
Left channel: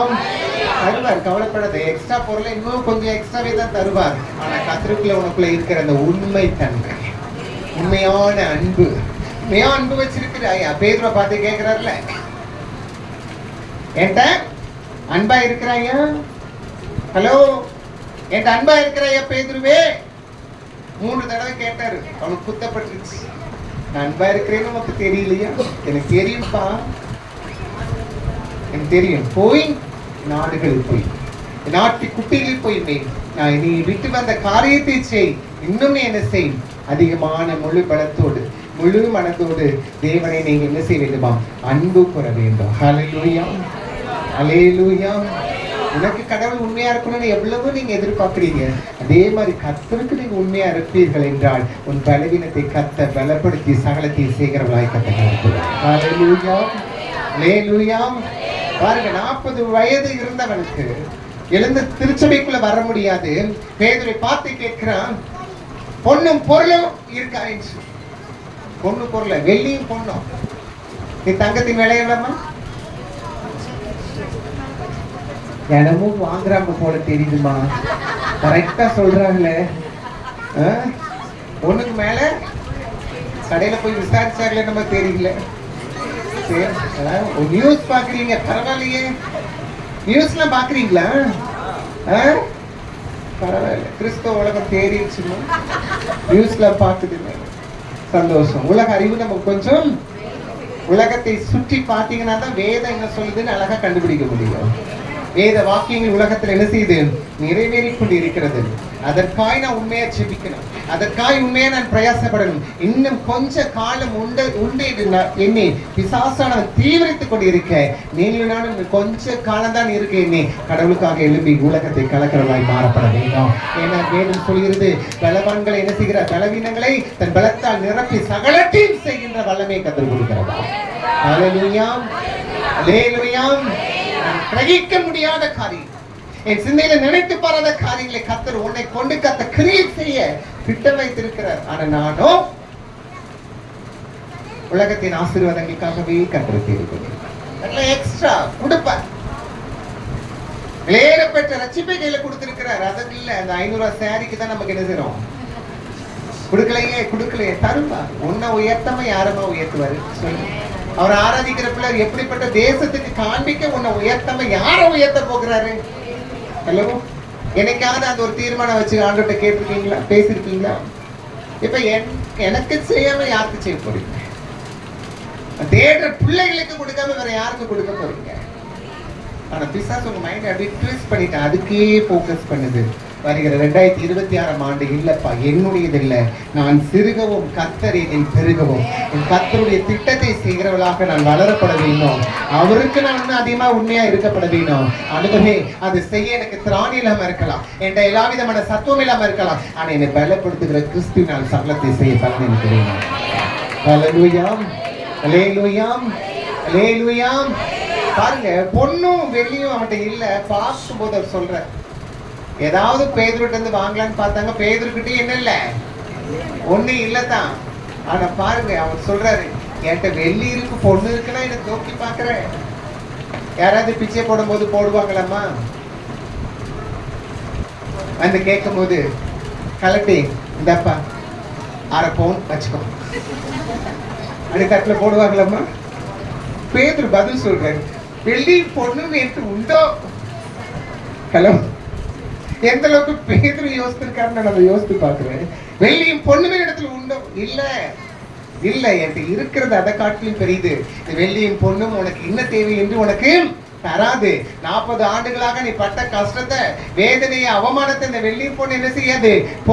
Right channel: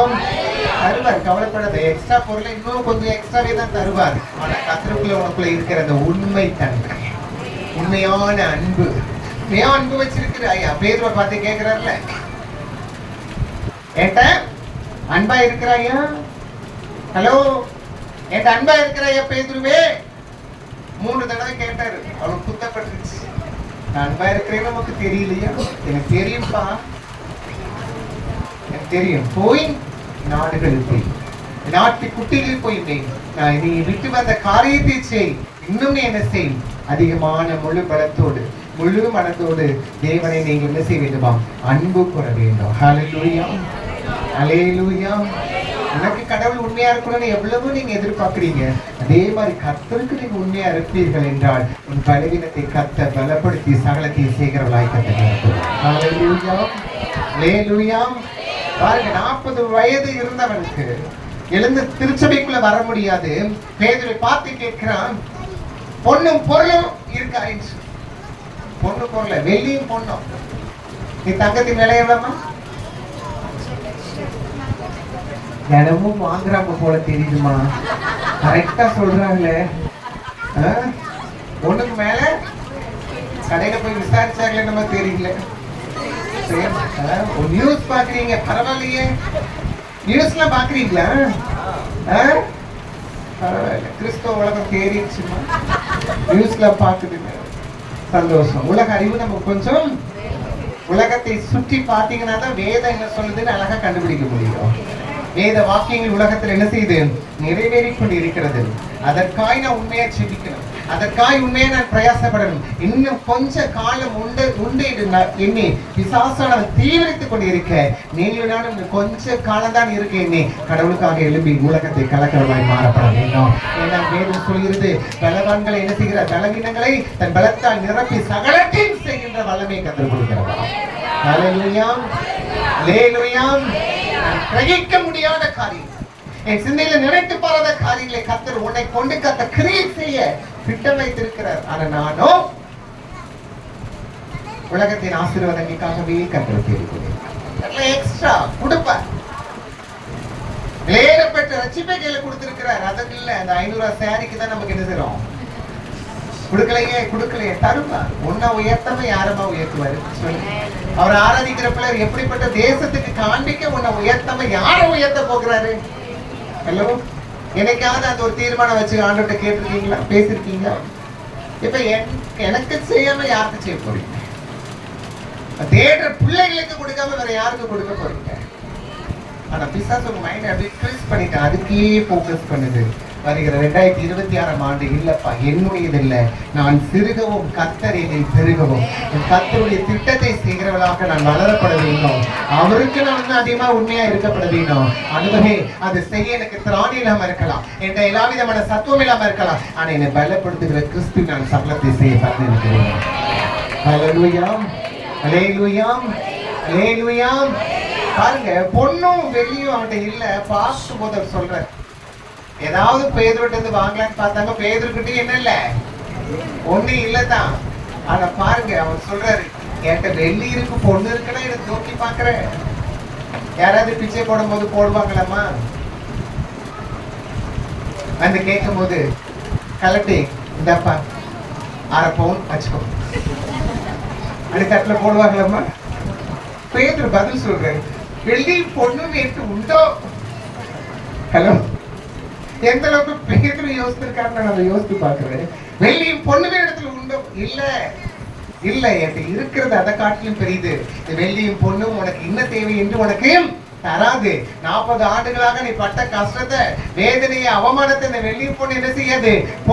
தருவார், கவலைப்படாத. எக்ஸ்ட்ரா பொருளை இன்னும் கொஞ்சம் எக்ஸ்ட்ராவே தான் தருவார். ஆனா கத்திற்குள்ள உனக்குள்ள இருக்கிற அந்த உண்மை தன்மை, உண்மையான அன்பு, உண்மையான அன்பு வச்சிருக்கிறாயா? பேதுருவை பார்த்து கேட்கிறார்ல, என்கிட்ட அன்பா இருக்கிறாயா? ஹலோ, என்கிட்ட அன்பா இருக்கிறாயா பேதுருவே? 3 தடவை கேட்டாரு. அவனுக்கு குத்தப்பட்டுருச்சு. நான் அன்பா இருக்கிறேன்னு நமக்கு தெரியலையா? எனக்கு தெரியும்பா, எனக்கு தெரியும். போய் நாடுகளுக்கு, நாட்டு குட்டியில் போய் நான் நீ விட்டு வந்த காரியத்தை செய், இன்னும் என்ன செய், அதிகமான முழு பலத்தோடு முழு மனத்தோடு தேவனை நீங்க என்ன செய்ய வேண்டுமா? அன்பு கூற வேண்டும். ஹல்லேலூயா, ஹல்லேலூயா. உனக்கு கடவுள் உண்மையா இருக்கணும்னு எவ்வளவு நீங்க எதிர்பார்க்கிறீங்க, அதே மாதிரி கர்த்தருக்கு நீங்க உண்மையா இருப்பீர்கள் என்றால் உன் பலவீனத்தை கர்த்த பலப்படுத்தி சகலத்தை செய்கிறவளாய் கர்த்தர். ஹல்லேலூயா, ஹல்லேலூயா. பாருங்க, 40 வயது இருந்தவனுக்கு எழுந்து திருச்சபைக்குள்ள வர முடியாது. பேதுருவை பார்த்து கேட்கிறான், பொண்ணும் பொருளும் இருக்கா? பொண்ணு பொருள, வெள்ளியும் பொண்ணும், நீ தங்கத்தின் விலை எவ்வளவுமா? தினமும் வாங்குறாங்க போல தெரியுதுமா. கரெக்டா சொல்றாங்களே. பொண்ணுக்கு மேல கடையில போய் விசாரிச்சாங்களே நம்ம தெரியல. நியூஸ் பாக்குறீங்க, பரவாயில்லையே. நியூஸ்ல பாக்குறீங்களா? பரவாயில்ல, கிறிஸ்தவ உலகம் தேறிடுச்சுமா, நியூஸ்ல பாக்குதுங்க. சந்தோஷம். உலக அறிவு நமக்கு கொஞ்சம், உலகத்தை சுற்றி பார்த்தீங்கன்னா தான் வேதம் என்ன சொல்லுதுன்னு அழகா கண்டுபிடிக்க முடியும். வேத வாக்கியங்கள் உலகத்தில் என்ன செய்யுது? நிறைவேறி கொண்டு இருக்கிறது. அதற்காய் நான் உண்மையா ஜெபிக்கணும், அதற்காய் உண்மையா நான் பிரயாசப்படணும். இன்னும் கொஞ்ச காலம் உண்டு எண்ணி பிசாசான தீவிரித்துக் கொண்டு இருக்க, நீங்களும் நானும் கொஞ்ச காலம் தான் இருக்க எண்ணி கடவுளுக்காக எழுப்பி உலகத்தை கலக்கிறவர்களாய் மாறப்பட வேண்டும். ஏன்னா வேதம் சொல்கிறது, பலவான்களை என்ன செய்கிற, பலவீனங்களை தன் பலத்தால் நிரப்பி சகலத்தையும் செய்கின்ற வல்லமை கற்றுக் கொடுக்கிறதா. ஹல்லேலூயா, ஹல்லேலூயா. கிரகிக்க முடியாத காரியம், என் சிந்தையில நினைத்து பாராத காரியங்களை கர்த்தர் உன்னை கொண்டு கர்த்தர் கிரியேட் செய்ய திட்டம் வைத்திருக்கிறார். ஆனா நானும் உலகத்தின் ஆசீர்வாதங்களுக்காகவே கர்த்தர் தேடுகிறேன். எக்ஸ்ட்ரா கொடுப்பார். வேறப்பட்ட ரட்சிப்பை கையில கொடுத்திருக்கிறார். அதற்கு இல்ல, அந்த 500 சேரிக்கு தான் நமக்கு என்ன செய்யறோம்? கொடுக்கலையே தருவா. உன்னை உயர்த்தமா யாரமா உயர்த்துவாரு? அவர் ஆராதிக்கிற பிள்ளை எப்படிப்பட்ட தேசத்துக்கு காண்பிக்க உன்னை உயர்த்தமா யார உயர்த்த போகிறாரு? ஹலோ, என்னைக்காவது அந்த ஒரு தீர்மானம் வச்சு ஆண்டுகிட்ட கேட்டிருக்கீங்களா, பேசிருக்கீங்களா? இப்ப எனக்கு செய்யாம யாருக்கு செய்ய போறீங்க? தேடுற பிள்ளைகளுக்கு கொடுக்காம வேற யாருக்கு கொடுக்க போறீங்க? ஆனா பிசாசு உங்க மைண்ட் அப்படியே ட்விஸ்ட் பண்ணிட்டு அதுக்கே போக்கஸ் பண்ணுது. வருகிற 2026ஆம் ஆண்டு இல்லப்பா என்னுடையது இல்லை, நான் சிறுகவும் கர்த்தர் என்னை பெருகவும் கர்த்தருடைய திட்டத்தை செய்கிறவளாக நான் வளரப்பட வேண்டும். அவருக்கு நான் இன்னும் அதிகமா உண்மையா இருக்கப்பட வேண்டும். அதுவே அது செய்ய எனக்கு திராணி இல்லாம இருக்கலாம், என்ற எல்லா விதமான சத்துவம் இல்லாம இருக்கலாம், ஆனா என்னை பலப்படுத்துகிற கிறிஸ்து நான் சகலத்தை செய்ய பலன். ஹல்லேலூயா, ஹல்லேலூயா, ஹல்லேலூயா. பாருங்க, பொண்ணும் வெள்ளியும் அவன்கிட்ட இல்ல. பார்க்கும் போது அவர் சொல்ற, ஏதாவது பேதுருட்ட இருந்து வாங்கலான்னு பார்த்தாங்க, பேதுருக்கிட்டே என்ன இல்ல, ஒண்ணு இல்லதான். ஆனா பாருங்க, அவன் சொல்றாரு, என்கிட்ட வெள்ளி இருக்கு பொண்ணு இருக்குன்னா எனக்கு நோக்கி பாக்குறேன். யாராவது பிச்சை போடும் போது போடுவாங்களாமா? அந்த கேட்கும் போது கலட்டி இந்தப்பா அரை பவுன் வச்சுக்கோ. அடுக்கத்துல போடுவாங்களம்மா. பேதுரு பதில் சொல்றாரு, வெள்ளி பொண்ணு நேற்று உண்டோ? கிளம்பு. எந்த அளவுக்கு பேதுரு யோசிச்சிருக்காருன்னு நம்ம யோசித்து பார்க்கிறேன். வெள்ளியும் பொண்ணுமே இடத்துல உண்டோ? இல்ல இல்ல, என்கிட்ட இருக்கிறது அதை காட்டிலும் பெரியது. வெள்ளியும் பொண்ணும் உனக்கு என்ன தேவை என்று உனக்கு தராது. 40 ஆண்டுகளாக நீ பட்ட கஷ்டத்தை, வேதனையை, அவமானத்தை இந்த வெள்ளியும் பொண்ணு என்ன செய்யாது?